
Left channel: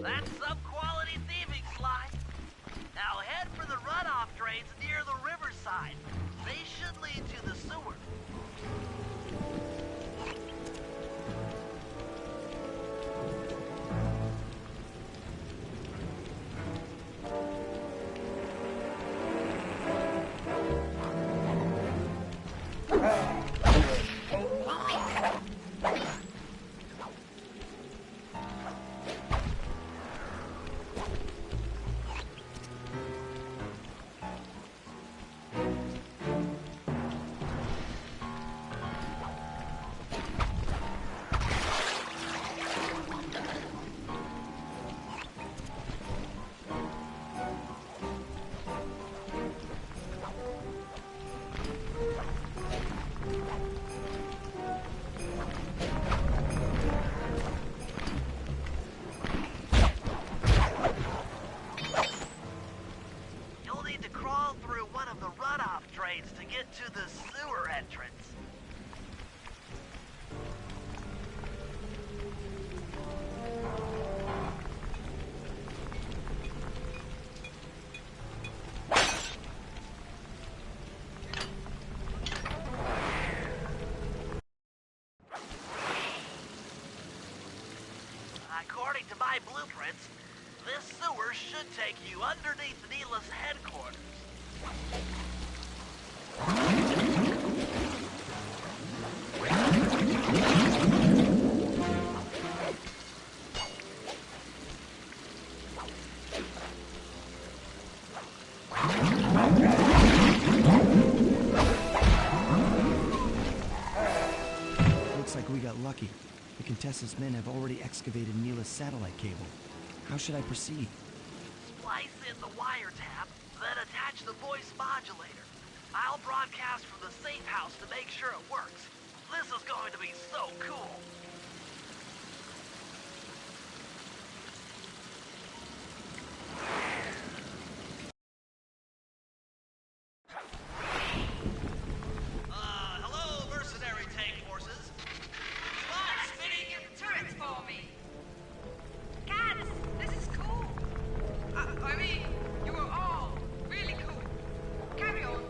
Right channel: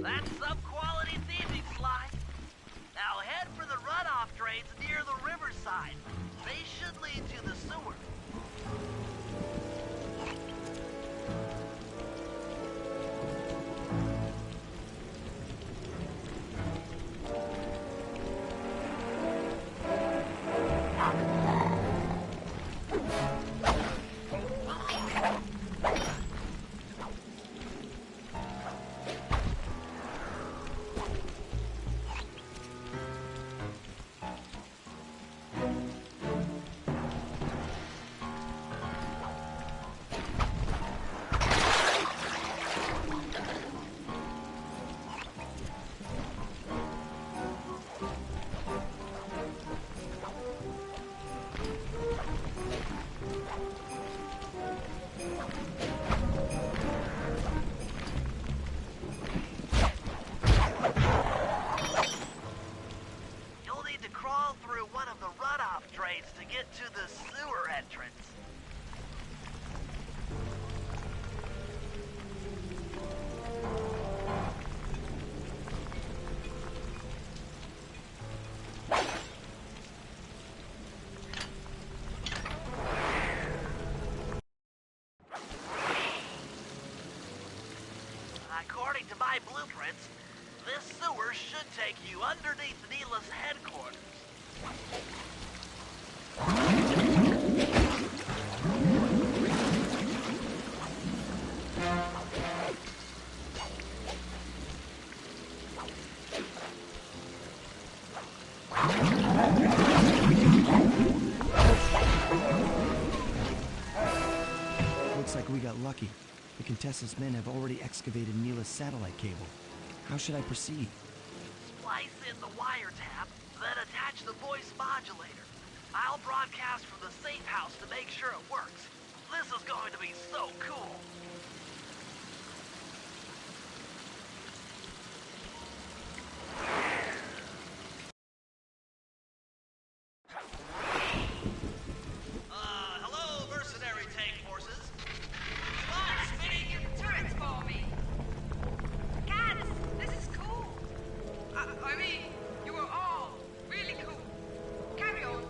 That's some quality thieving, Sly. Now head for the runoff drains near the riverside. They should lead to the sewer. According to my blueprints, this sewer should take you underneath Neela's headquarters. Looks like we got lucky. The Contessa's men have already excavated Neela's satellite cable. How should I proceed? Splice in the wiretap, then attach the voice modulator. I'll broadcast from the safe house to make sure it works. This is going to be so cool. Hello, mercenary tank forces. Spot spinning in Turrets for me. God, this is cool. I mean, you were all really cool. Carry on.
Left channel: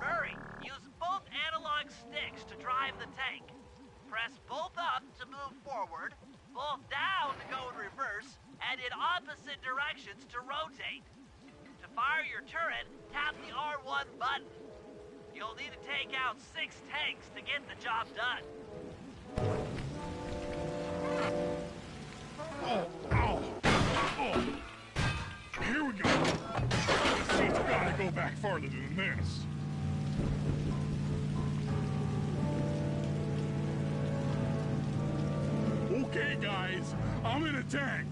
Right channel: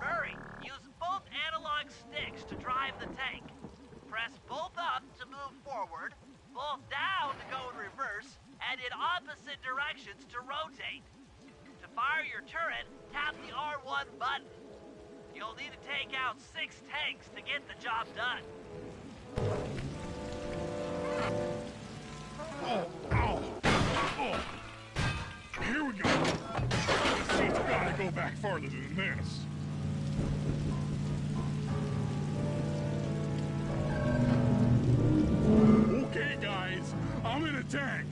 Murray, use both analog sticks to drive the tank. Press both up to move forward, both down to go in reverse, and in opposite directions to rotate. To fire your turret, tap the R1 button. You'll need to take out 6 tanks to get the job done. Here we go. This seat's gotta go back farther than this. Okay, guys, I'm in a tank.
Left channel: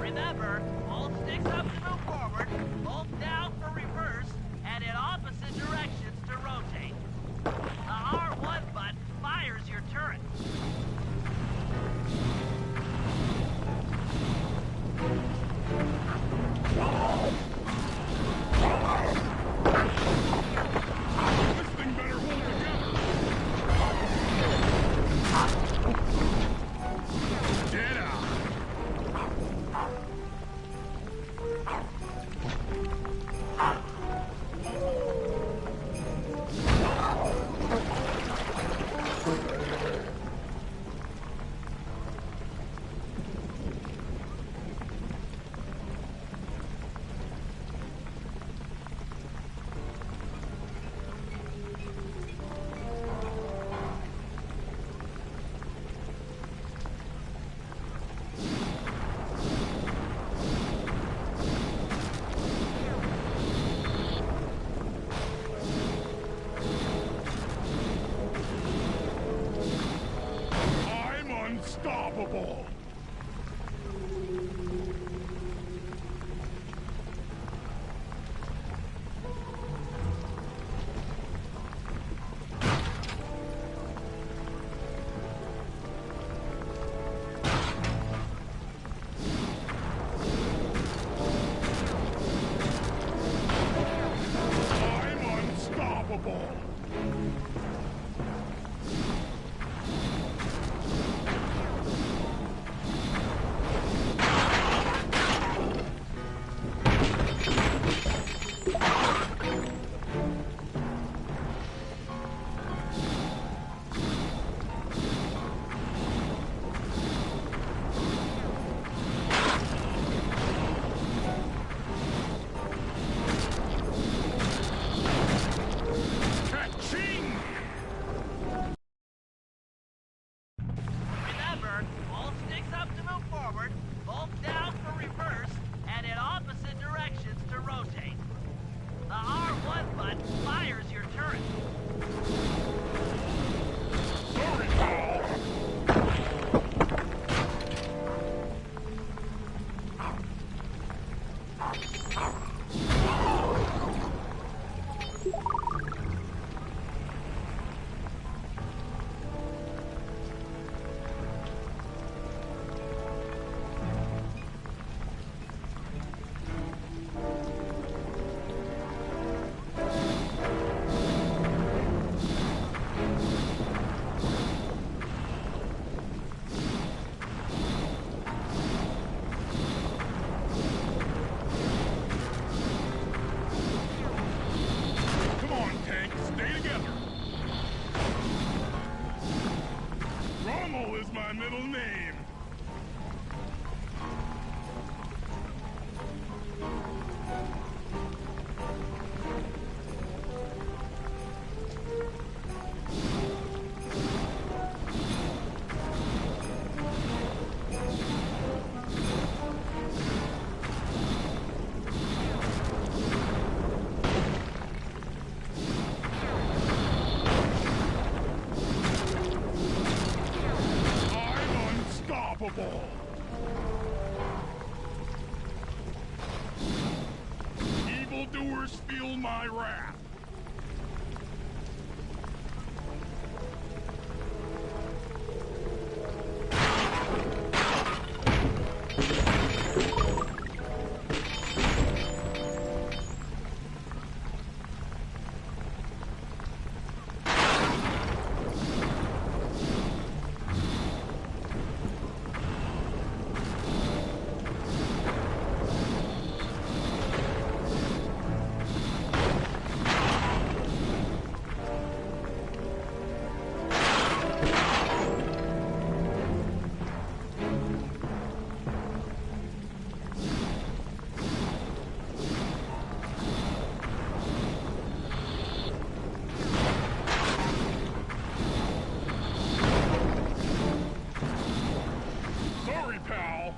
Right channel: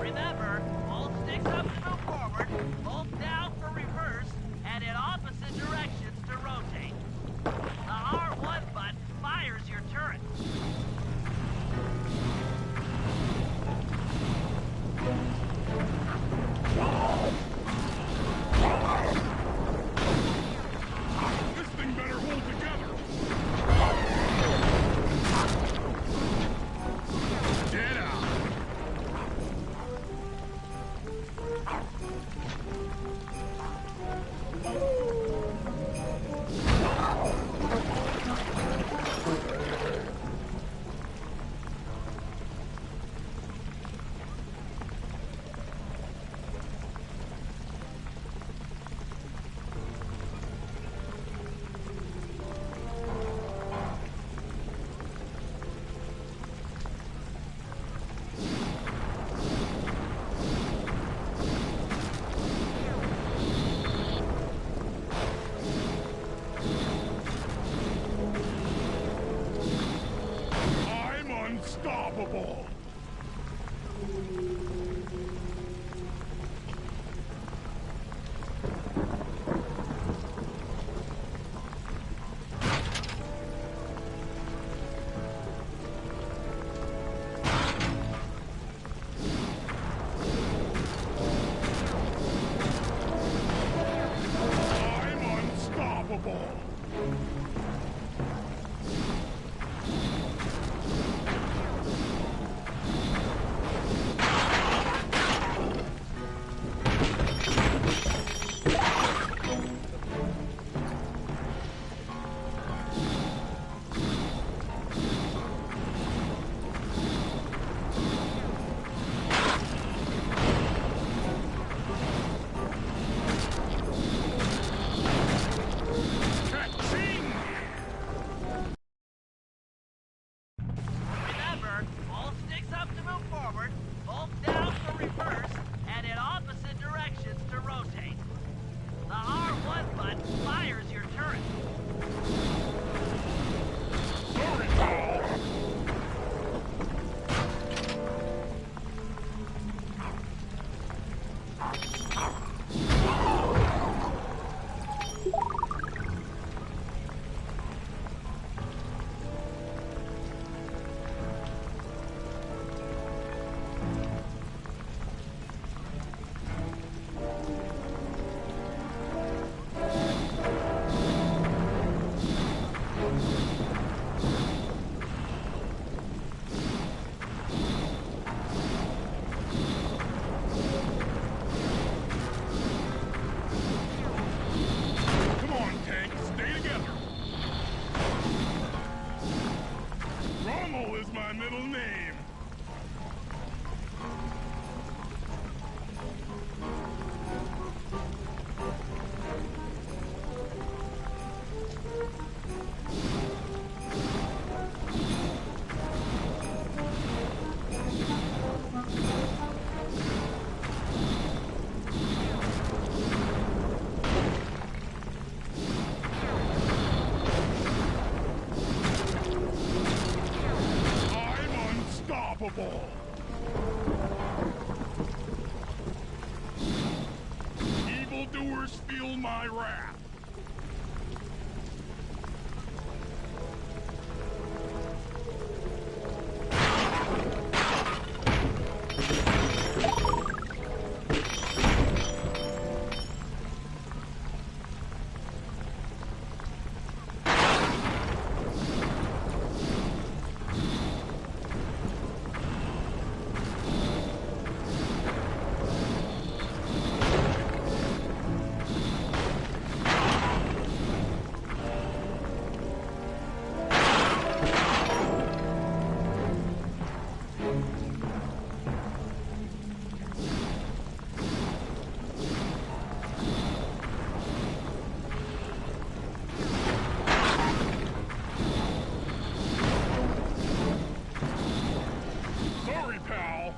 Remember, both sticks up to move forward, both down for reverse, and in opposite directions to rotate. The R1 button fires your turret. This thing better hold together. Get out. ball. Evildoers feel my wrath. Sorry, pal.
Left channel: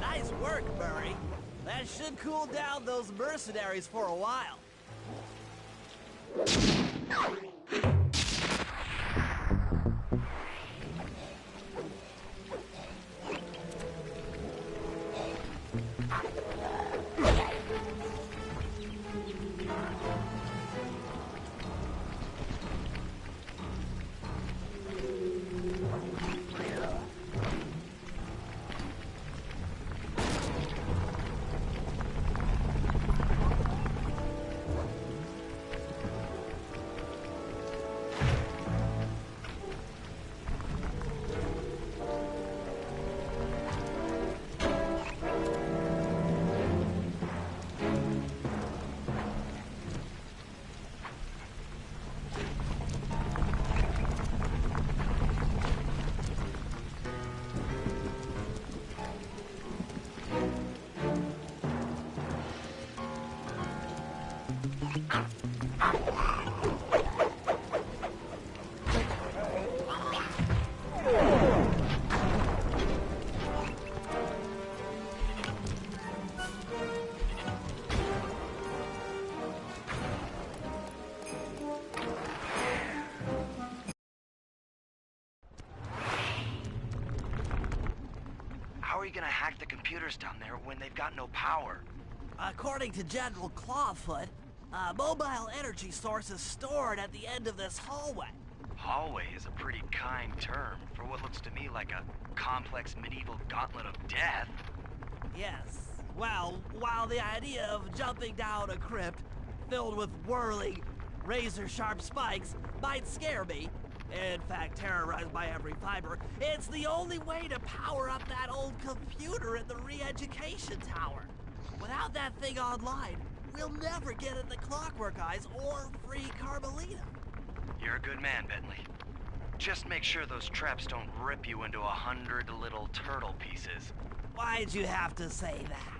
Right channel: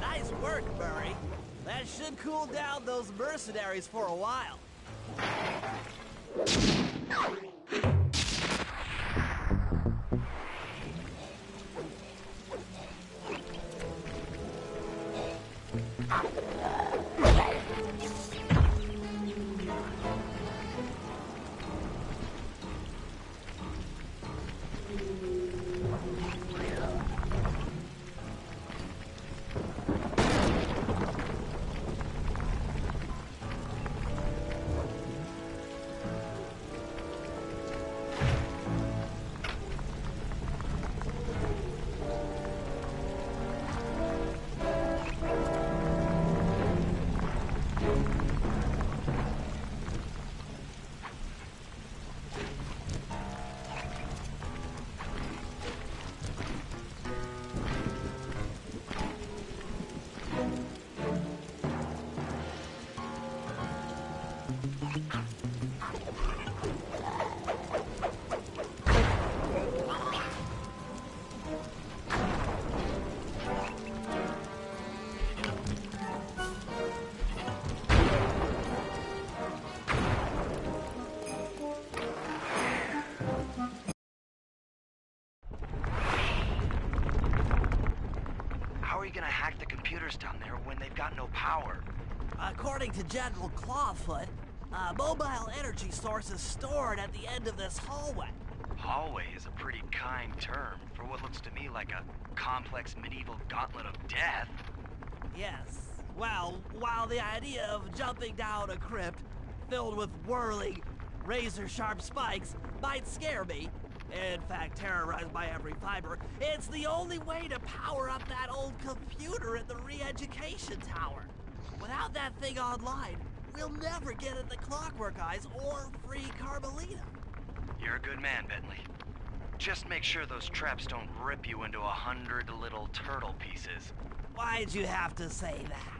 Nice work, Murray. That should cool down those mercenaries for a while. How are you gonna hack the computers down there when they've got no power? According to General Clawfoot, a mobile energy source is stored at the end of this hallway. Hallway is a pretty kind term for what looks to me like a complex medieval gauntlet of death. Yes. Well, while the idea of jumping down a crypt filled with whirling, razor-sharp spikes might scare me, in fact terrorize my every fiber, it's the only way to power up that old computer in the re-education tower. Without that thing online, we'll never get at the Clockwork Eyes or free Carmelita. You're a good man, Bentley. Just make sure those traps don't rip you into 100 little turtle pieces. Why'd you have to say that?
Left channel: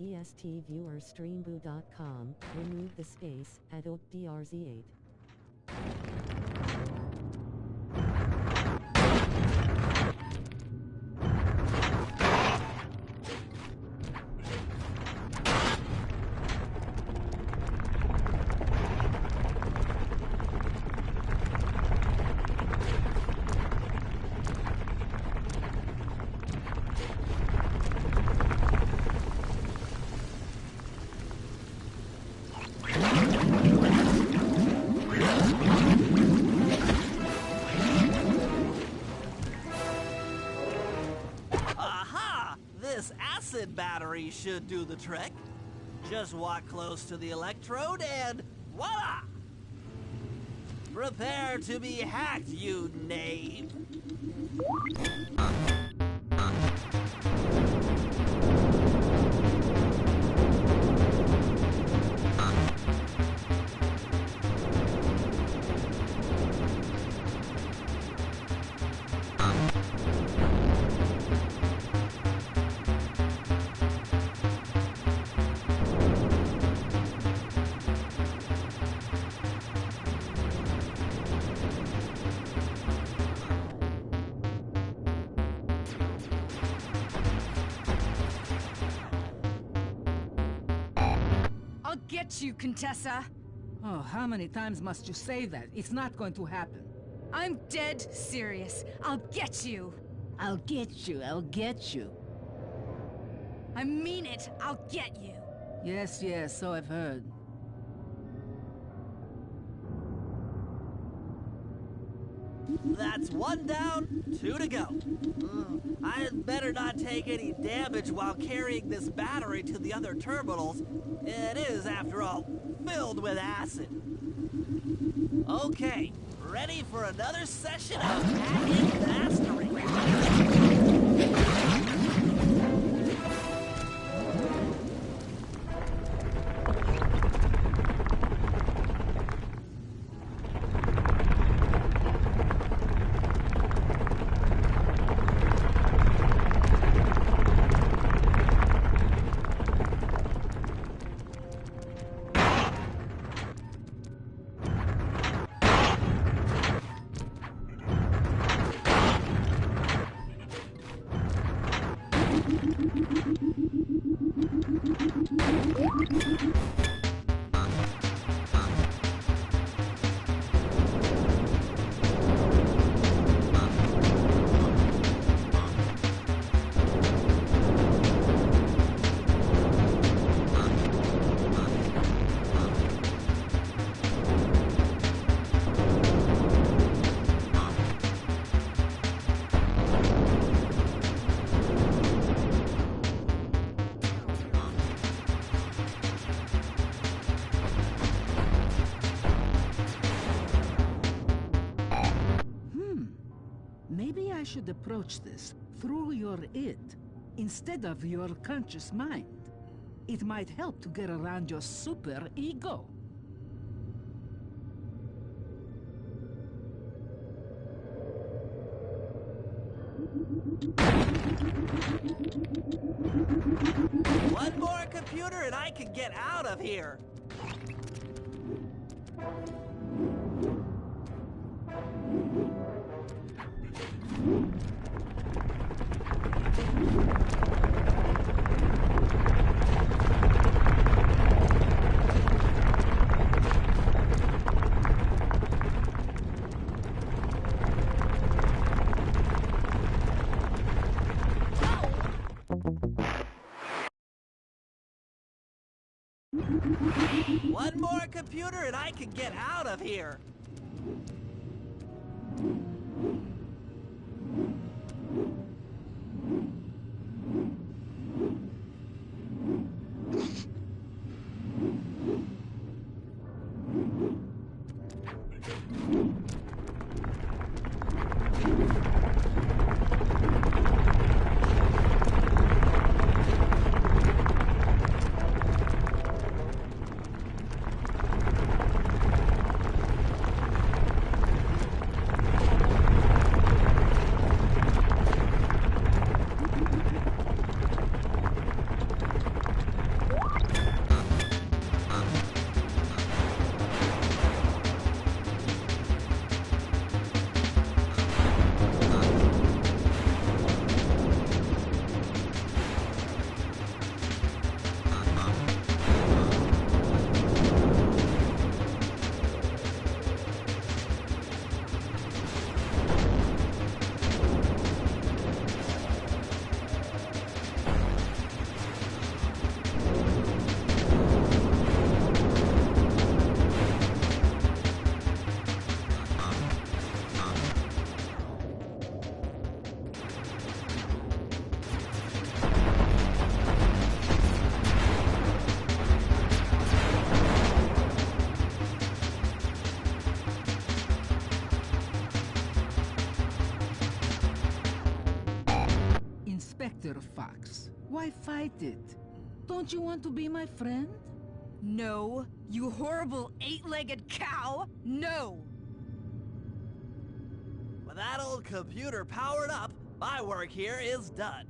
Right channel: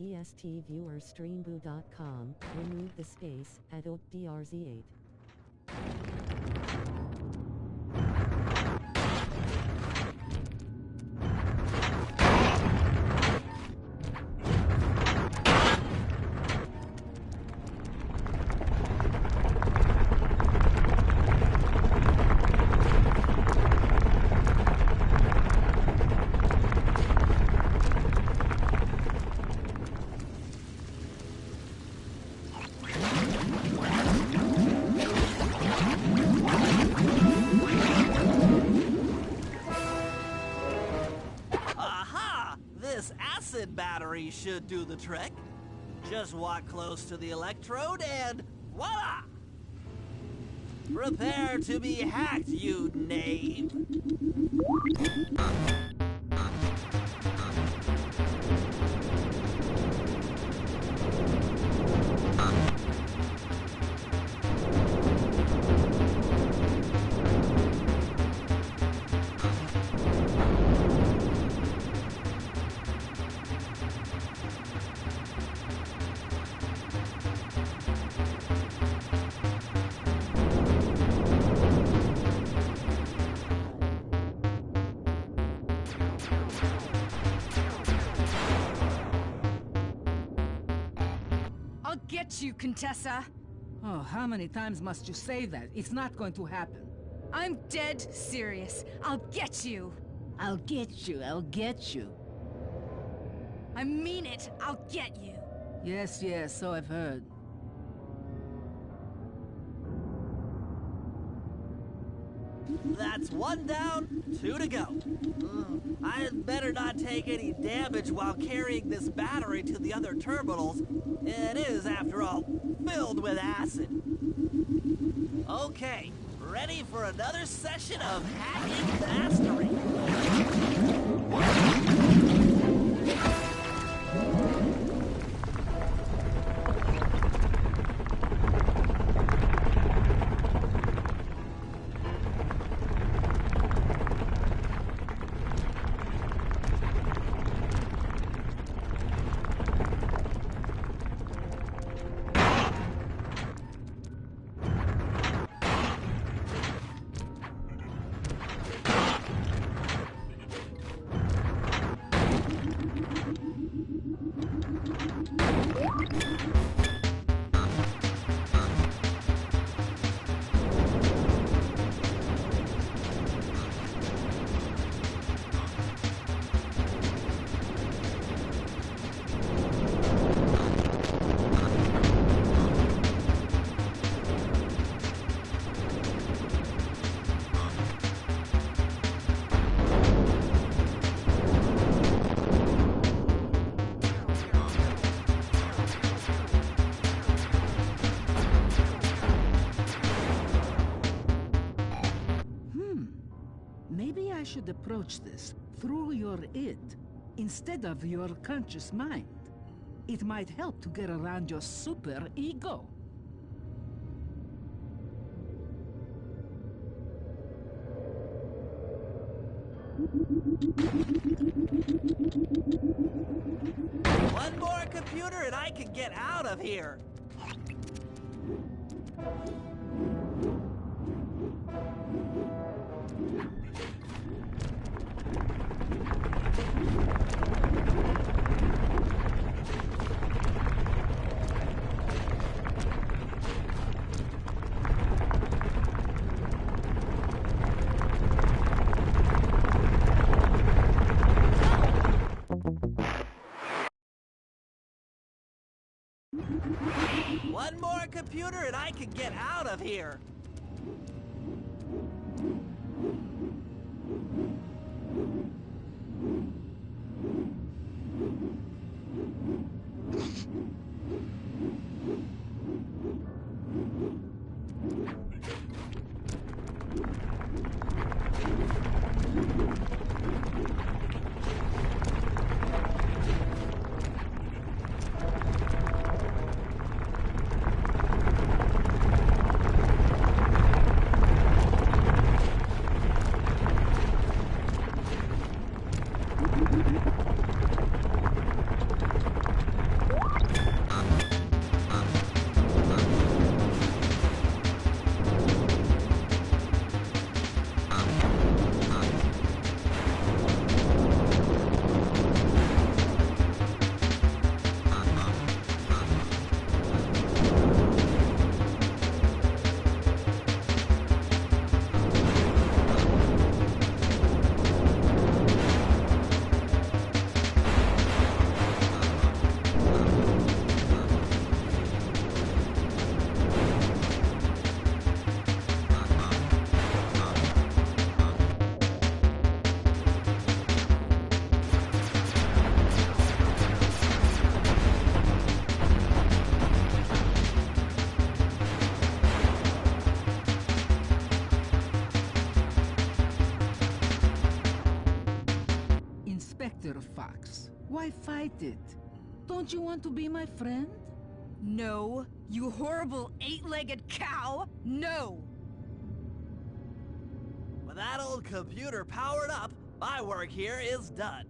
BESTviewerstreamboo.com, remove the space, adult DRZ8. acid battery should do the trick. Just walk close to the electrode and voila! Prepare to be hacked, you knave! I'll get you, Contessa. Oh, how many times must you say that? It's not going to happen. I'm dead serious. I'll get you. I'll get you, I'll get you. I mean it. I'll get you. Yes, yes, so I've heard. That's 1 down, 2 to go. I'd better not take any damage while carrying this battery to the other terminals. It is, after all, filled with acid. Okay, ready for another session of hacking mastery. Maybe I should approach this through your id instead of your conscious mind. It might help to get around your super ego. One more computer and I can get out of here. One more computer and I can get out of here. Inspector Fox. Why fight it? Don't you want to be my friend? No, you horrible eight-legged cow! No! With that old computer powered up, my work here is done.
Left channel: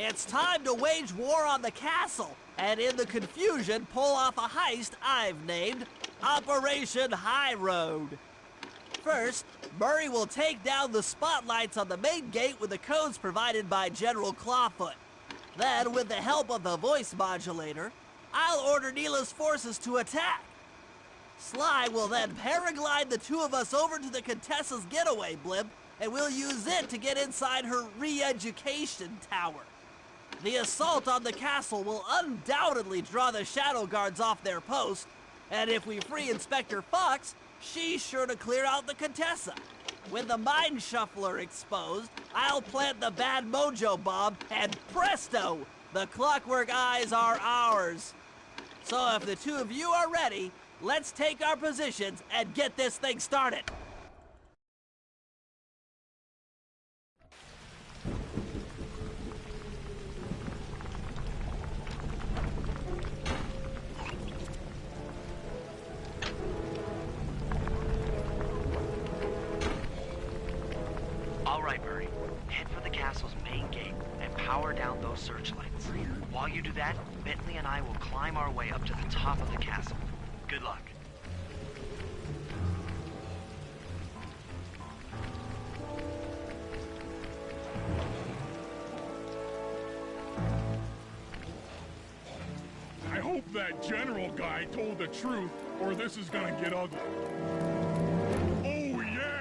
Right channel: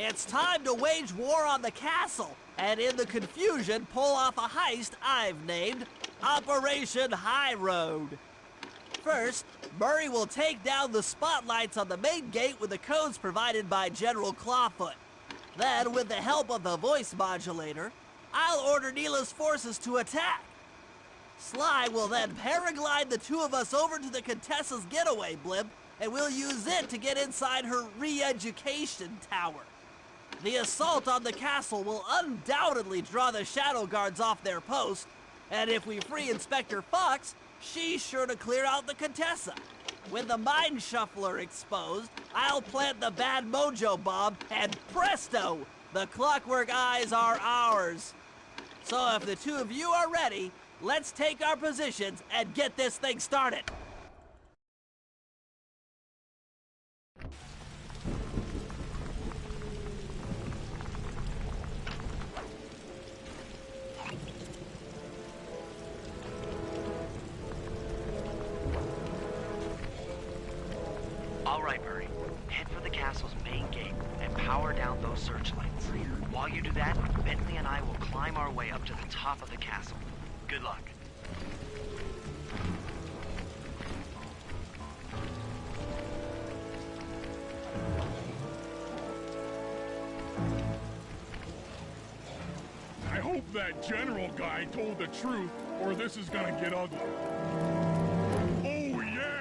It's time to wage war on the castle, and in the confusion, pull off a heist I've named Operation High Road. First, Murray will take down the spotlights on the main gate with the codes provided by General Clawfoot. Then, with the help of the voice modulator, I'll order Neela's forces to attack. Sly will then paraglide the two of us over to the Contessa's getaway blimp, and we'll use it to get inside her re-education tower. The assault on the castle will undoubtedly draw the Shadow Guards off their post, and if we free Inspector Fox, she's sure to clear out the Contessa. With the Mind Shuffler exposed, I'll plant the bad mojo bomb, and presto! The Clockwork Eyes are ours. So if the two of you are ready, let's take our positions and get this thing started. All right, Murray. Head for the castle's main gate and power down those searchlights. While you do that, Bentley and I will climb our way up to the top of the castle. Good luck. I hope that general guy told the truth, or this is gonna get ugly. Oh, yeah!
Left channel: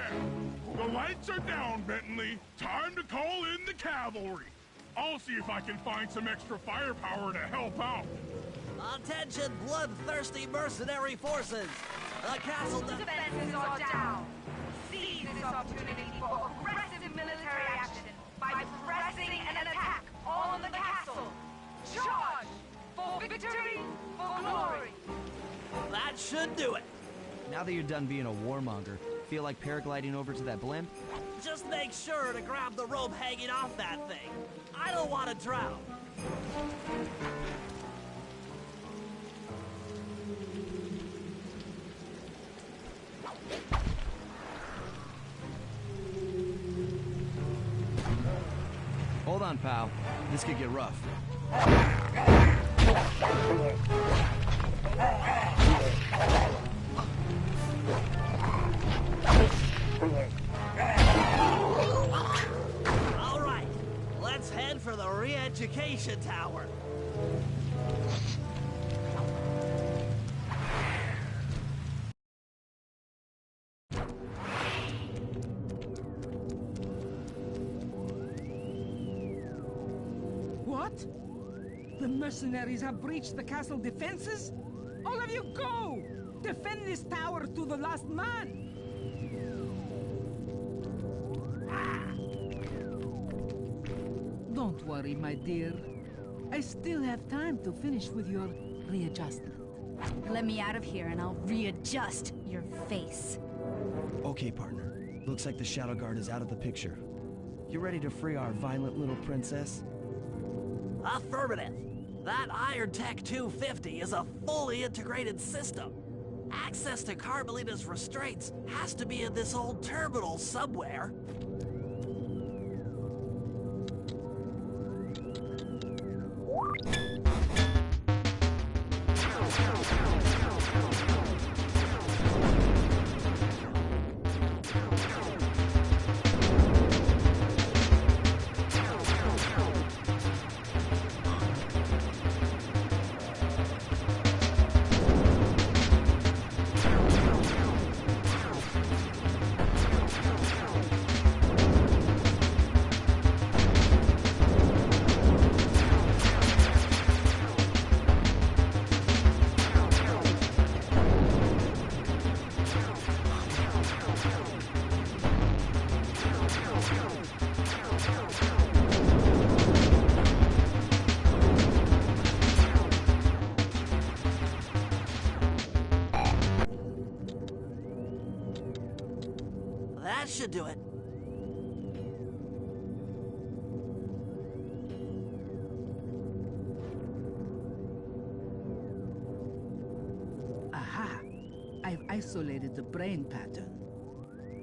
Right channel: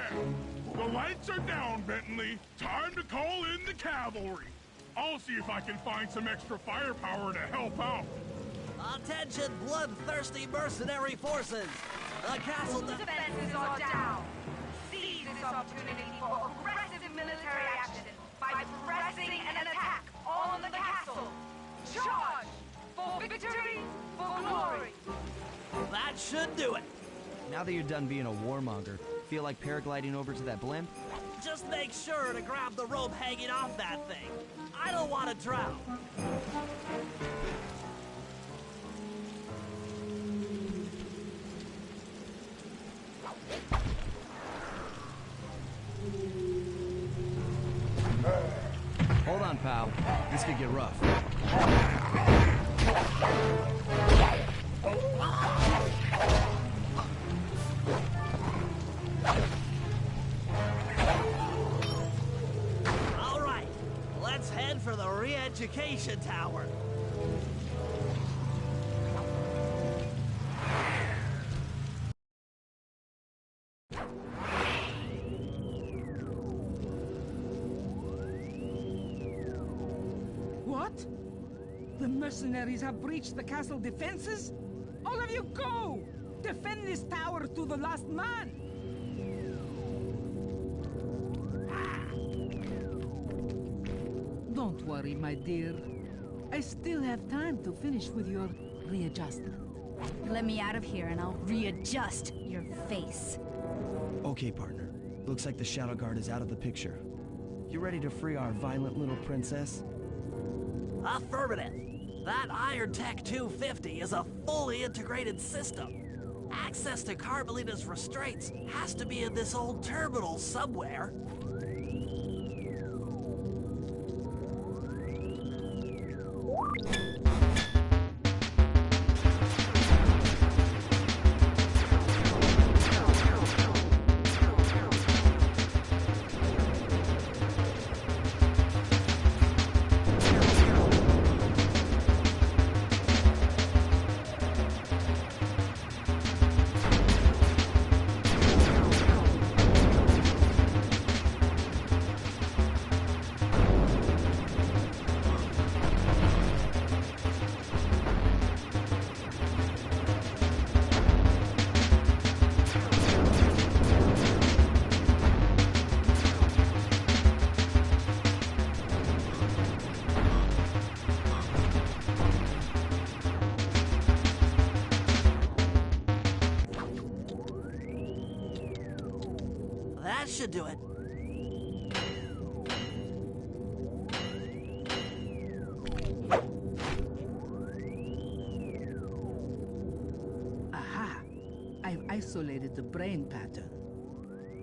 The lights are down, Bentley. Time to call in the cavalry. I'll see if I can find some extra firepower to help out. Attention, bloodthirsty mercenary forces! The castle defenses are down. Seize this opportunity for aggressive military action by pressing an attack on the castle. Charge! For victory, for glory! That should do it. Now that you're done being a warmonger, feel like paragliding over to that blimp? Just make sure to grab the rope hanging off that thing. I don't want to drown. Hold on, pal. This could get rough. All right, let's head for the re-education tower. What? The mercenaries have breached the castle defenses? All of you go! Defend this tower to the last man! Don't worry, my dear. I still have time to finish with your readjustment. Let me out of here and I'll readjust your face. Okay, partner. Looks like the Shadow Guard is out of the picture. You ready to free our violent little princess? Affirmative. That Iron Tech 250 is a fully integrated system. Access to Carmelita's restraints has to be in this old terminal somewhere. That should do it. Aha! I've isolated the brain pattern.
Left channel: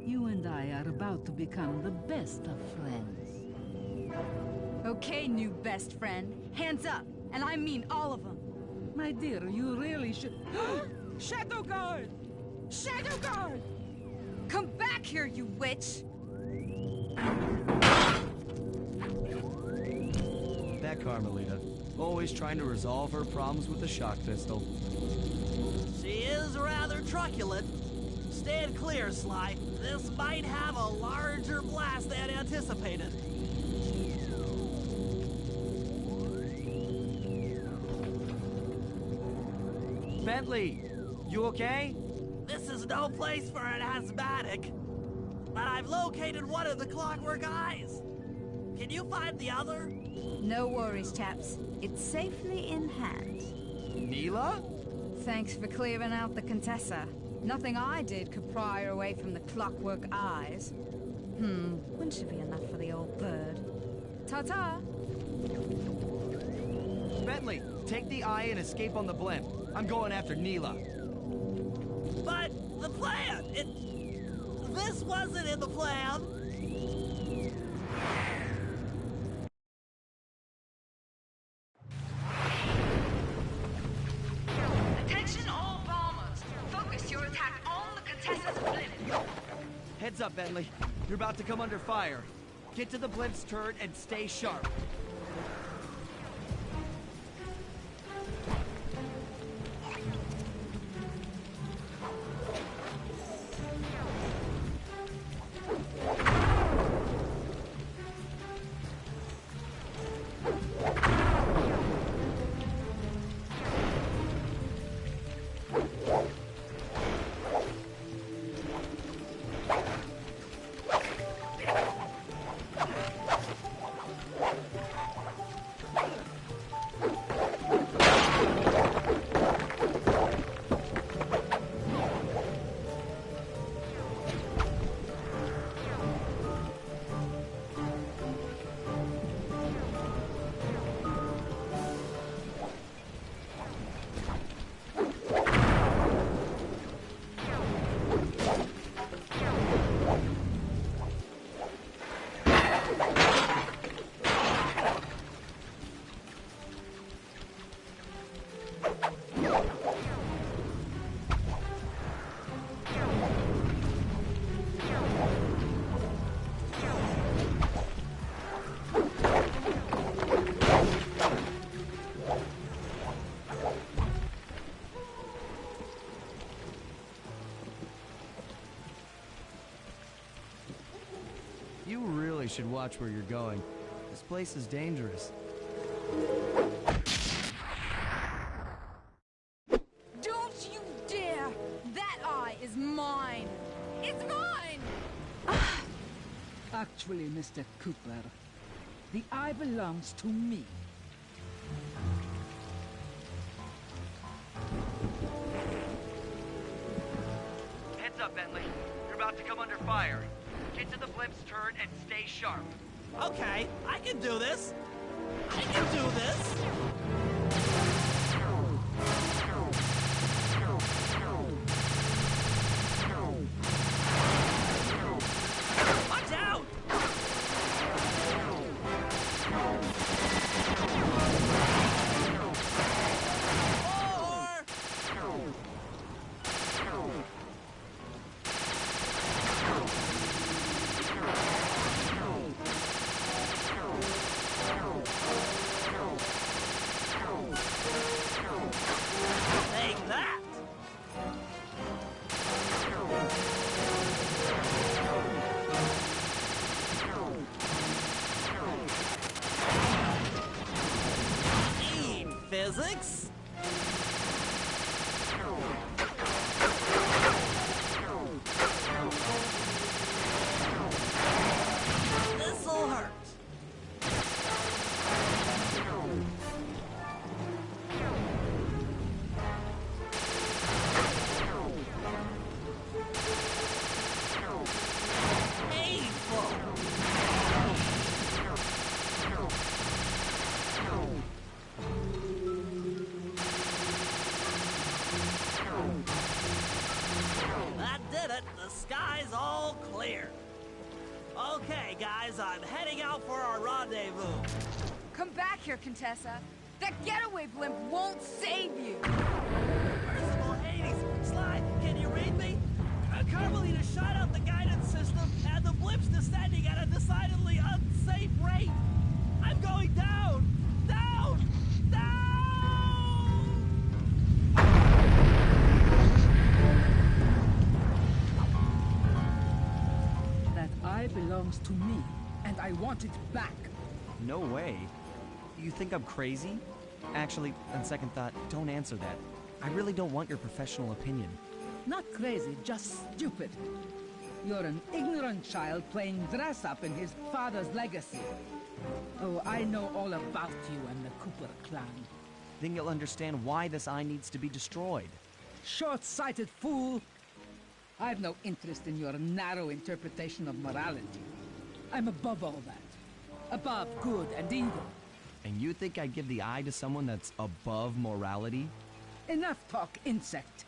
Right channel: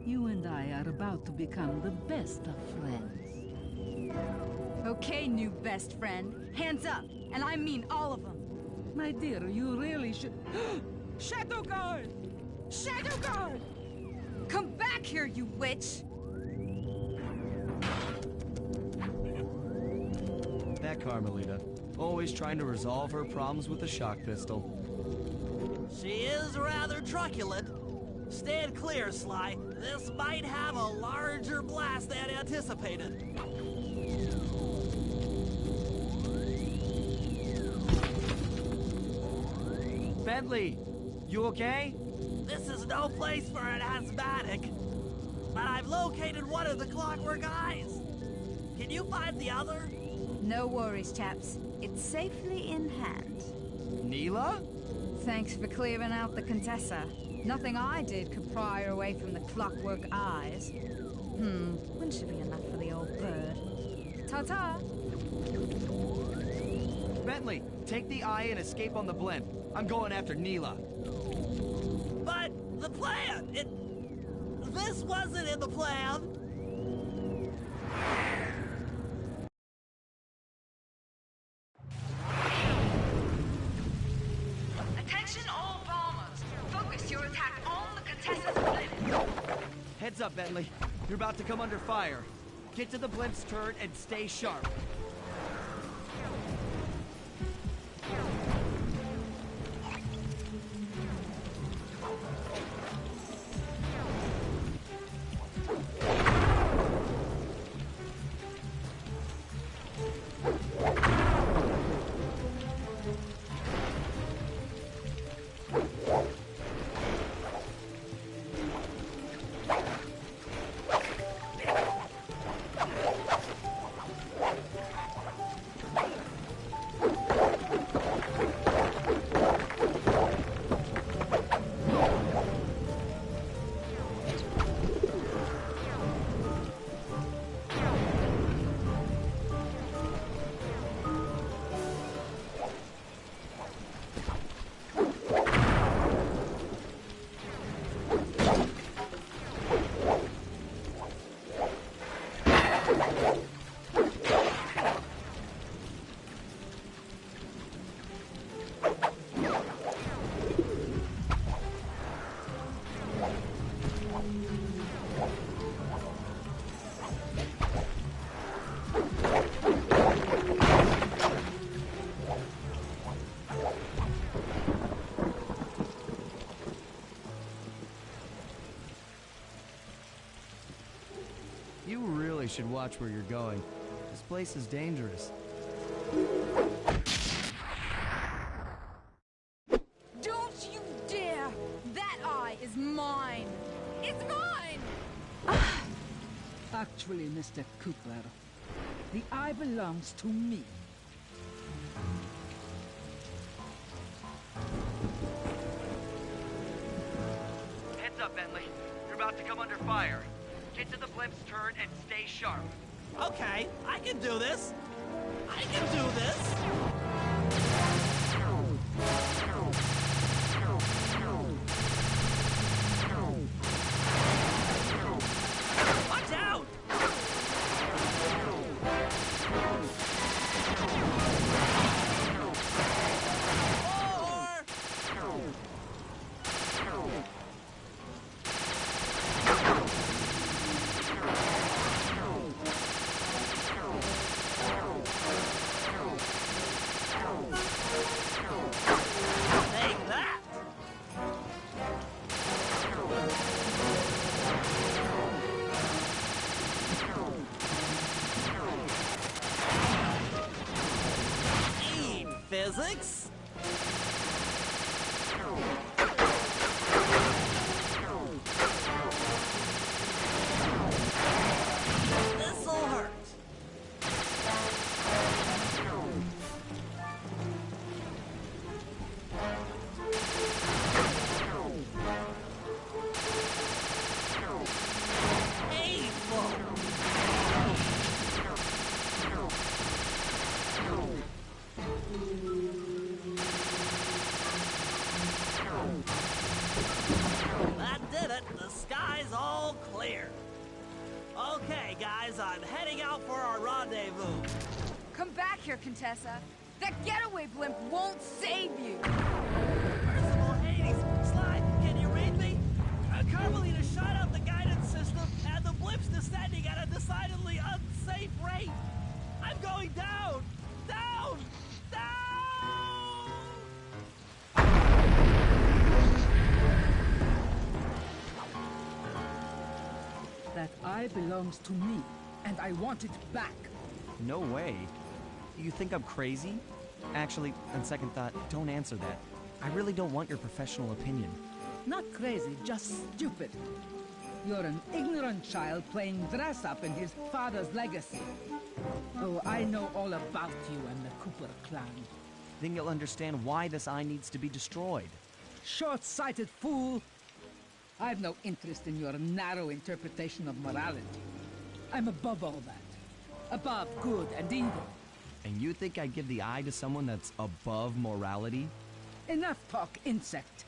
You and I are about to become the best of friends. Okay, new best friend. Hands up, and I mean all of them. My dear, you really should... Shadow Guard! Shadow Guard! Come back here, you witch! That Carmelita. Always trying to resolve her problems with a shock pistol. She is rather truculent. Stand clear, Sly. This might have a larger blast than anticipated. Bentley! You okay? This is no place for an asthmatic. But I've located one of the clockwork eyes. Can you find the other? No worries, chaps. It's safely in hand. Neela? Thanks for clearing out the Contessa. Nothing I did could pry her away from the clockwork eyes. One should be enough for the old bird. Ta-ta! Bentley, take the eye and escape on the blimp. I'm going after Neela. But the plan! This wasn't in the plan! Attention all bombers. Focus your attack on the Contessa's blimp. Heads up, Bentley. You're about to come under fire. Get to the blimp's turret and stay sharp. You really should watch where you're going. This place is dangerous. Don't you dare! That eye is mine! It's mine! Actually, Mr. Cooper, the eye belongs to me. Heads up, Bentley. You're about to come under fire. Get to the blimp's turret and stay sharp. Okay, I can do this. I can do this. Watch out! Take that! Eat physics! This'll hurt. That did it. The sky's all clear. Okay, guys, I'm heading out for our rendezvous. Come back here, Contessa. That getaway blimp won't save you. Merciful Hades! Sly, can you read me? Carmelita shot out the guidance system, and the blimp's descending at a decidedly unsafe rate. I'm going down! Down! Down! That eye belongs to me, and I want it back. No way. You think I'm crazy? Actually, on second thought, don't answer that. I really don't want your professional opinion. Not crazy, just stupid. You're an ignorant child playing dress-up in his father's legacy. Oh, I know all about you and the Cooper clan. Then you'll understand why this eye needs to be destroyed. Short-sighted fool! I've no interest in your narrow interpretation of morality. I'm above all that. Above good and evil. And you think I'd give the eye to someone that's above morality? Enough talk, insect.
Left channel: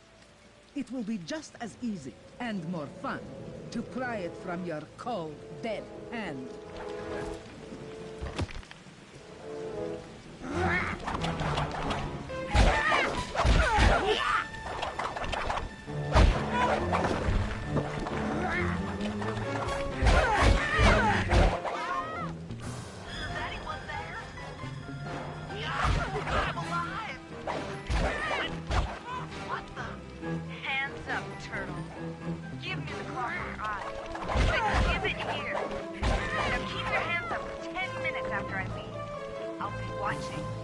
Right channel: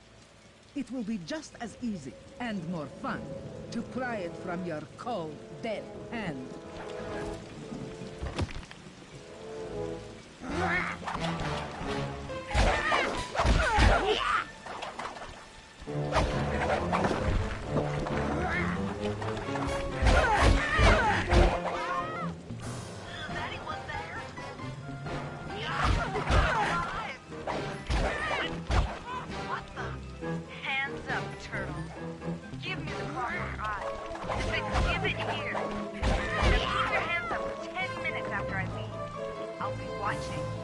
It will be just as easy and more fun to pry it from your cold, dead hand.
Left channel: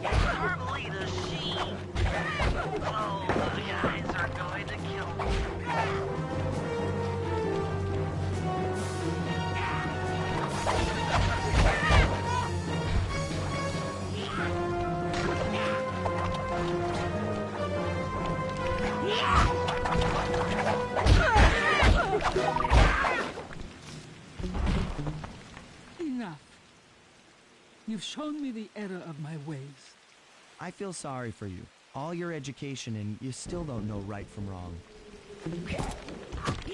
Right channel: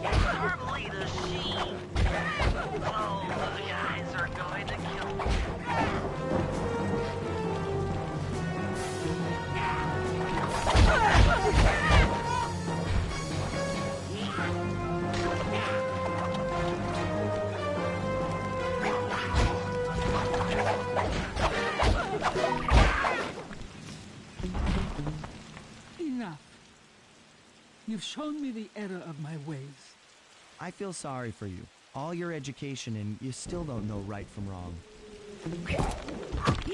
Carmelita, she... Oh, the guys are going to kill me. Enough. You've shown me the error of my ways. I feel sorry for you. All your education and you still don't know right from wrong.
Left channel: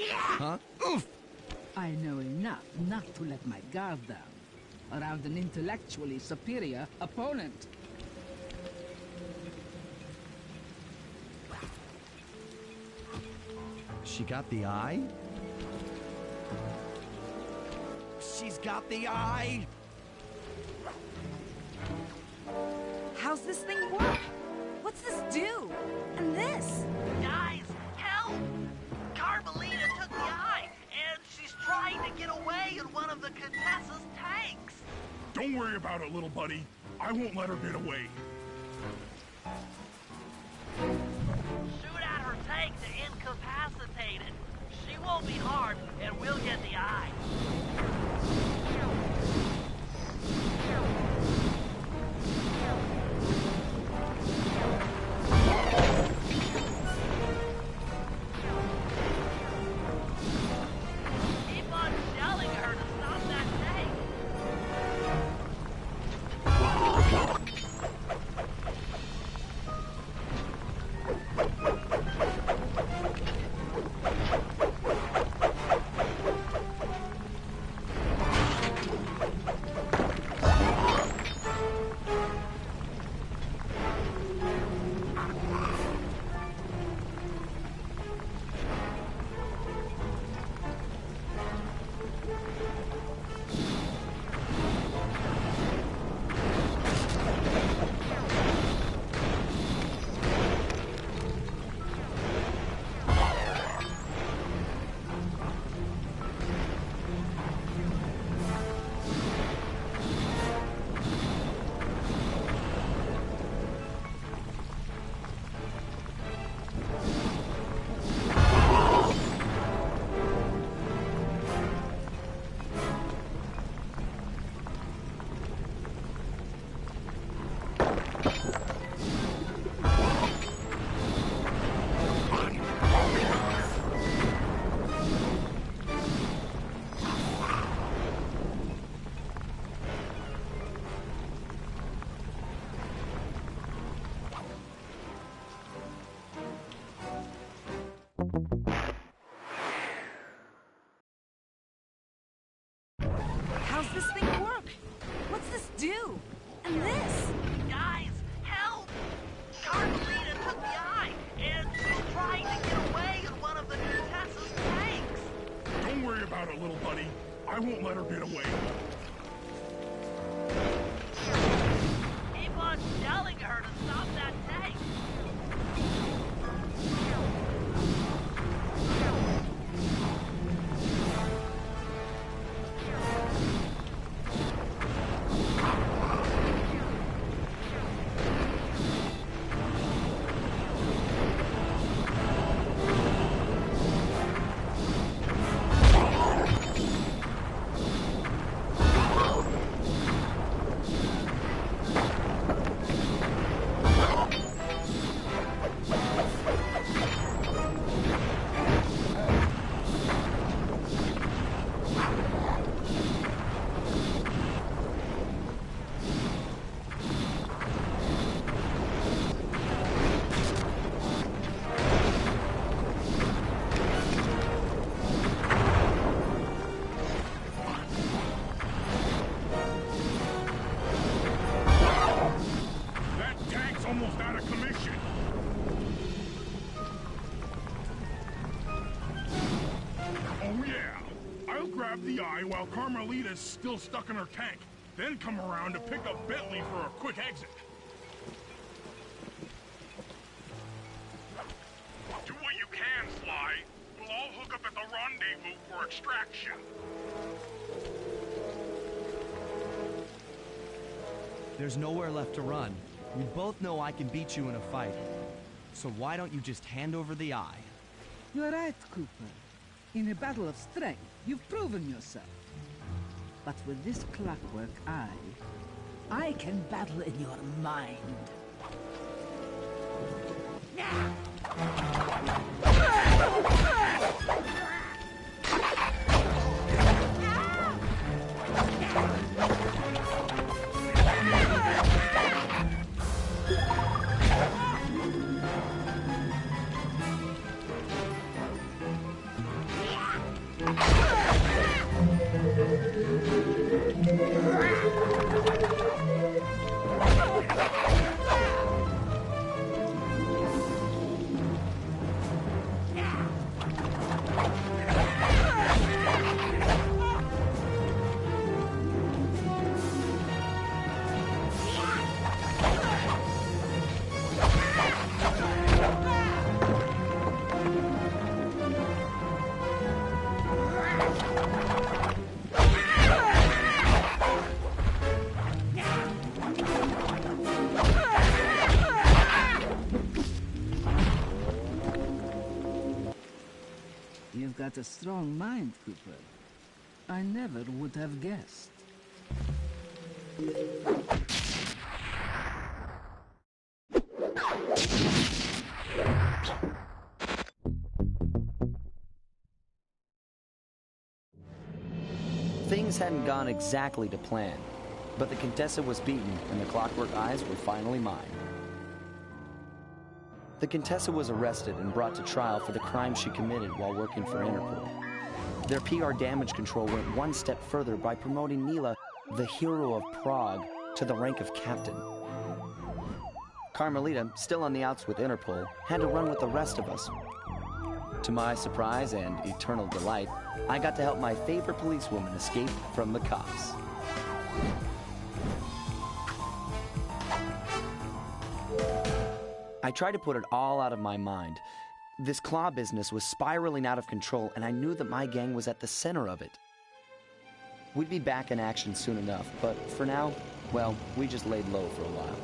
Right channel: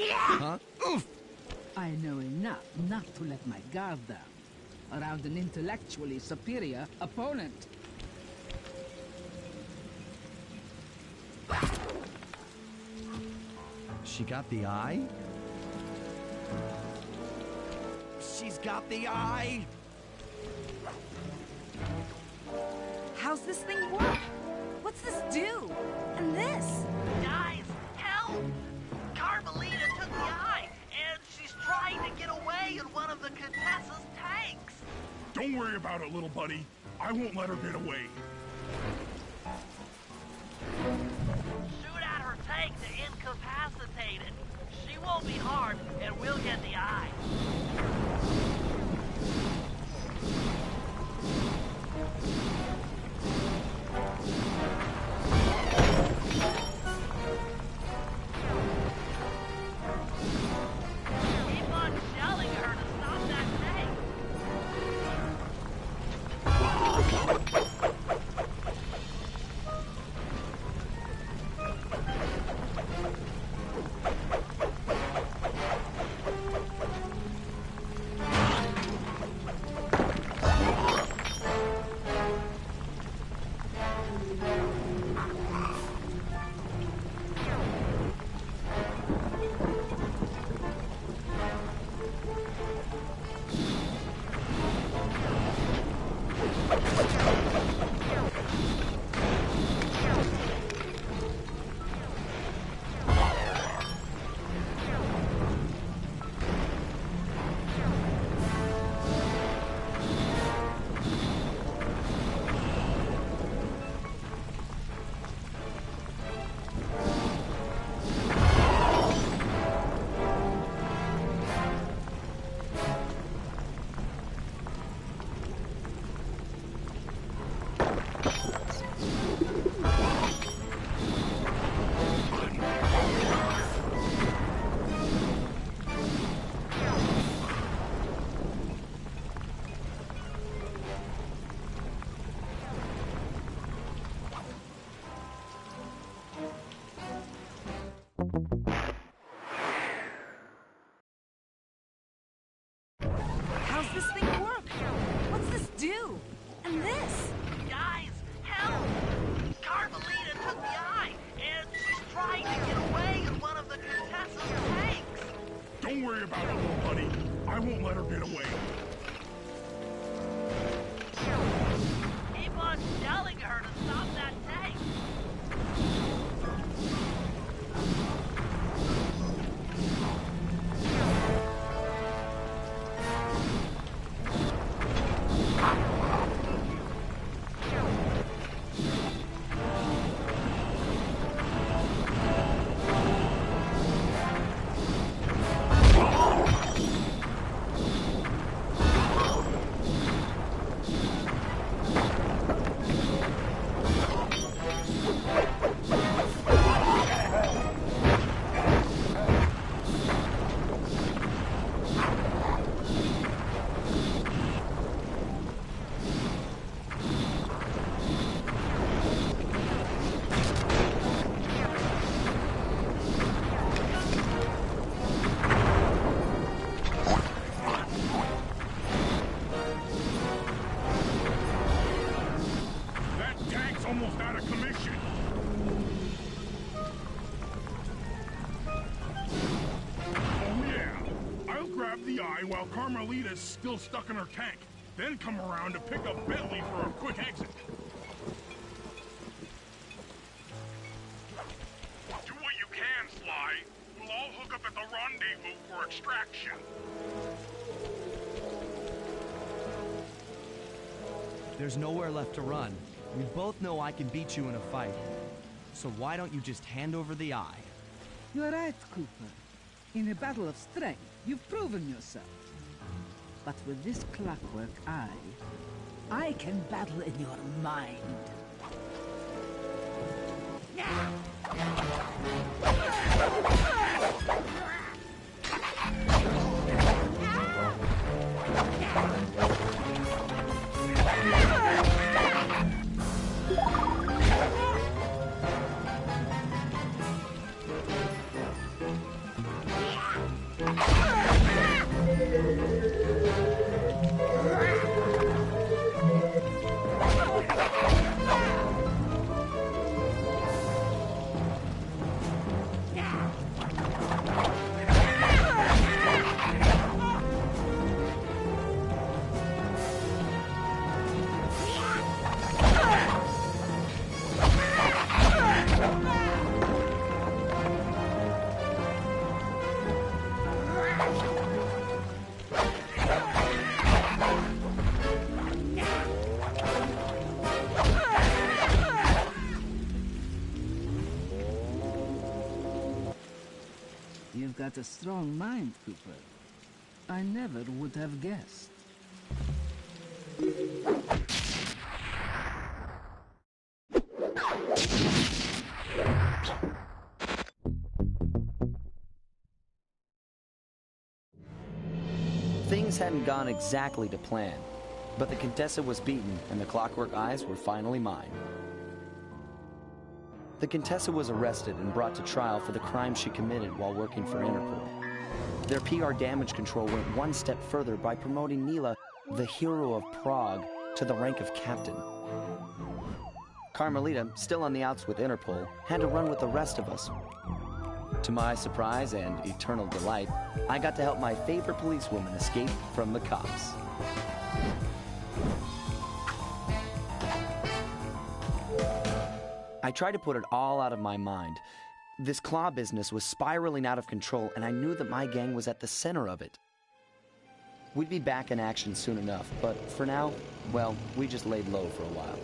Huh? Oof! I know enough not to let my guard down around an intellectually superior opponent. She got the eye? She's got the eye! How's this thing work? What's this do? And this? Guys, help! Carmelita took the eye, and she's trying to get away in one of the Contessa's tanks. Don't worry about it, little buddy. I won't let her get away. Shoot at her tank to incapacitate it. She won't be harmed, and we'll get the eye. Keep on shelling her to stop that tank. How's this thing work? What's this do? And this? Guys, help! Carmelita took the eye, and she's trying to get away in one of the Contessa's tanks. Don't worry about it, little buddy. I won't let her get away. Keep on telling her to stop that tank. Almost out of commission. Oh yeah, I'll grab the eye while Carmelita's still stuck in her tank, then come around to pick up Bentley for a quick exit. Do what you can, Sly. We'll all hook up at the rendezvous for extraction. There's nowhere left to run. We both know I can beat you in a fight. So why don't you just hand over the eye? You're right, Cooper. In a battle of strength, you've proven yourself. But with this clockwork eye, I can battle in your mind. You've got a strong mind, Cooper. I never would have guessed. Things hadn't gone exactly to plan, but the Contessa was beaten and the Clockwork Eyes were finally mine. The Contessa was arrested and brought to trial for the crime she committed while working for Interpol. Their PR damage control went one step further by promoting Nila, the hero of Prague, to the rank of captain. Carmelita, still on the outs with Interpol, had to run with the rest of us. To my surprise and eternal delight, I got to help my favorite policewoman escape from the cops. I tried to put it all out of my mind. This claw business was spiraling out of control, and I knew that my gang was at the center of it. We'd be back in action soon enough, but for now, well, we just laid low for a while.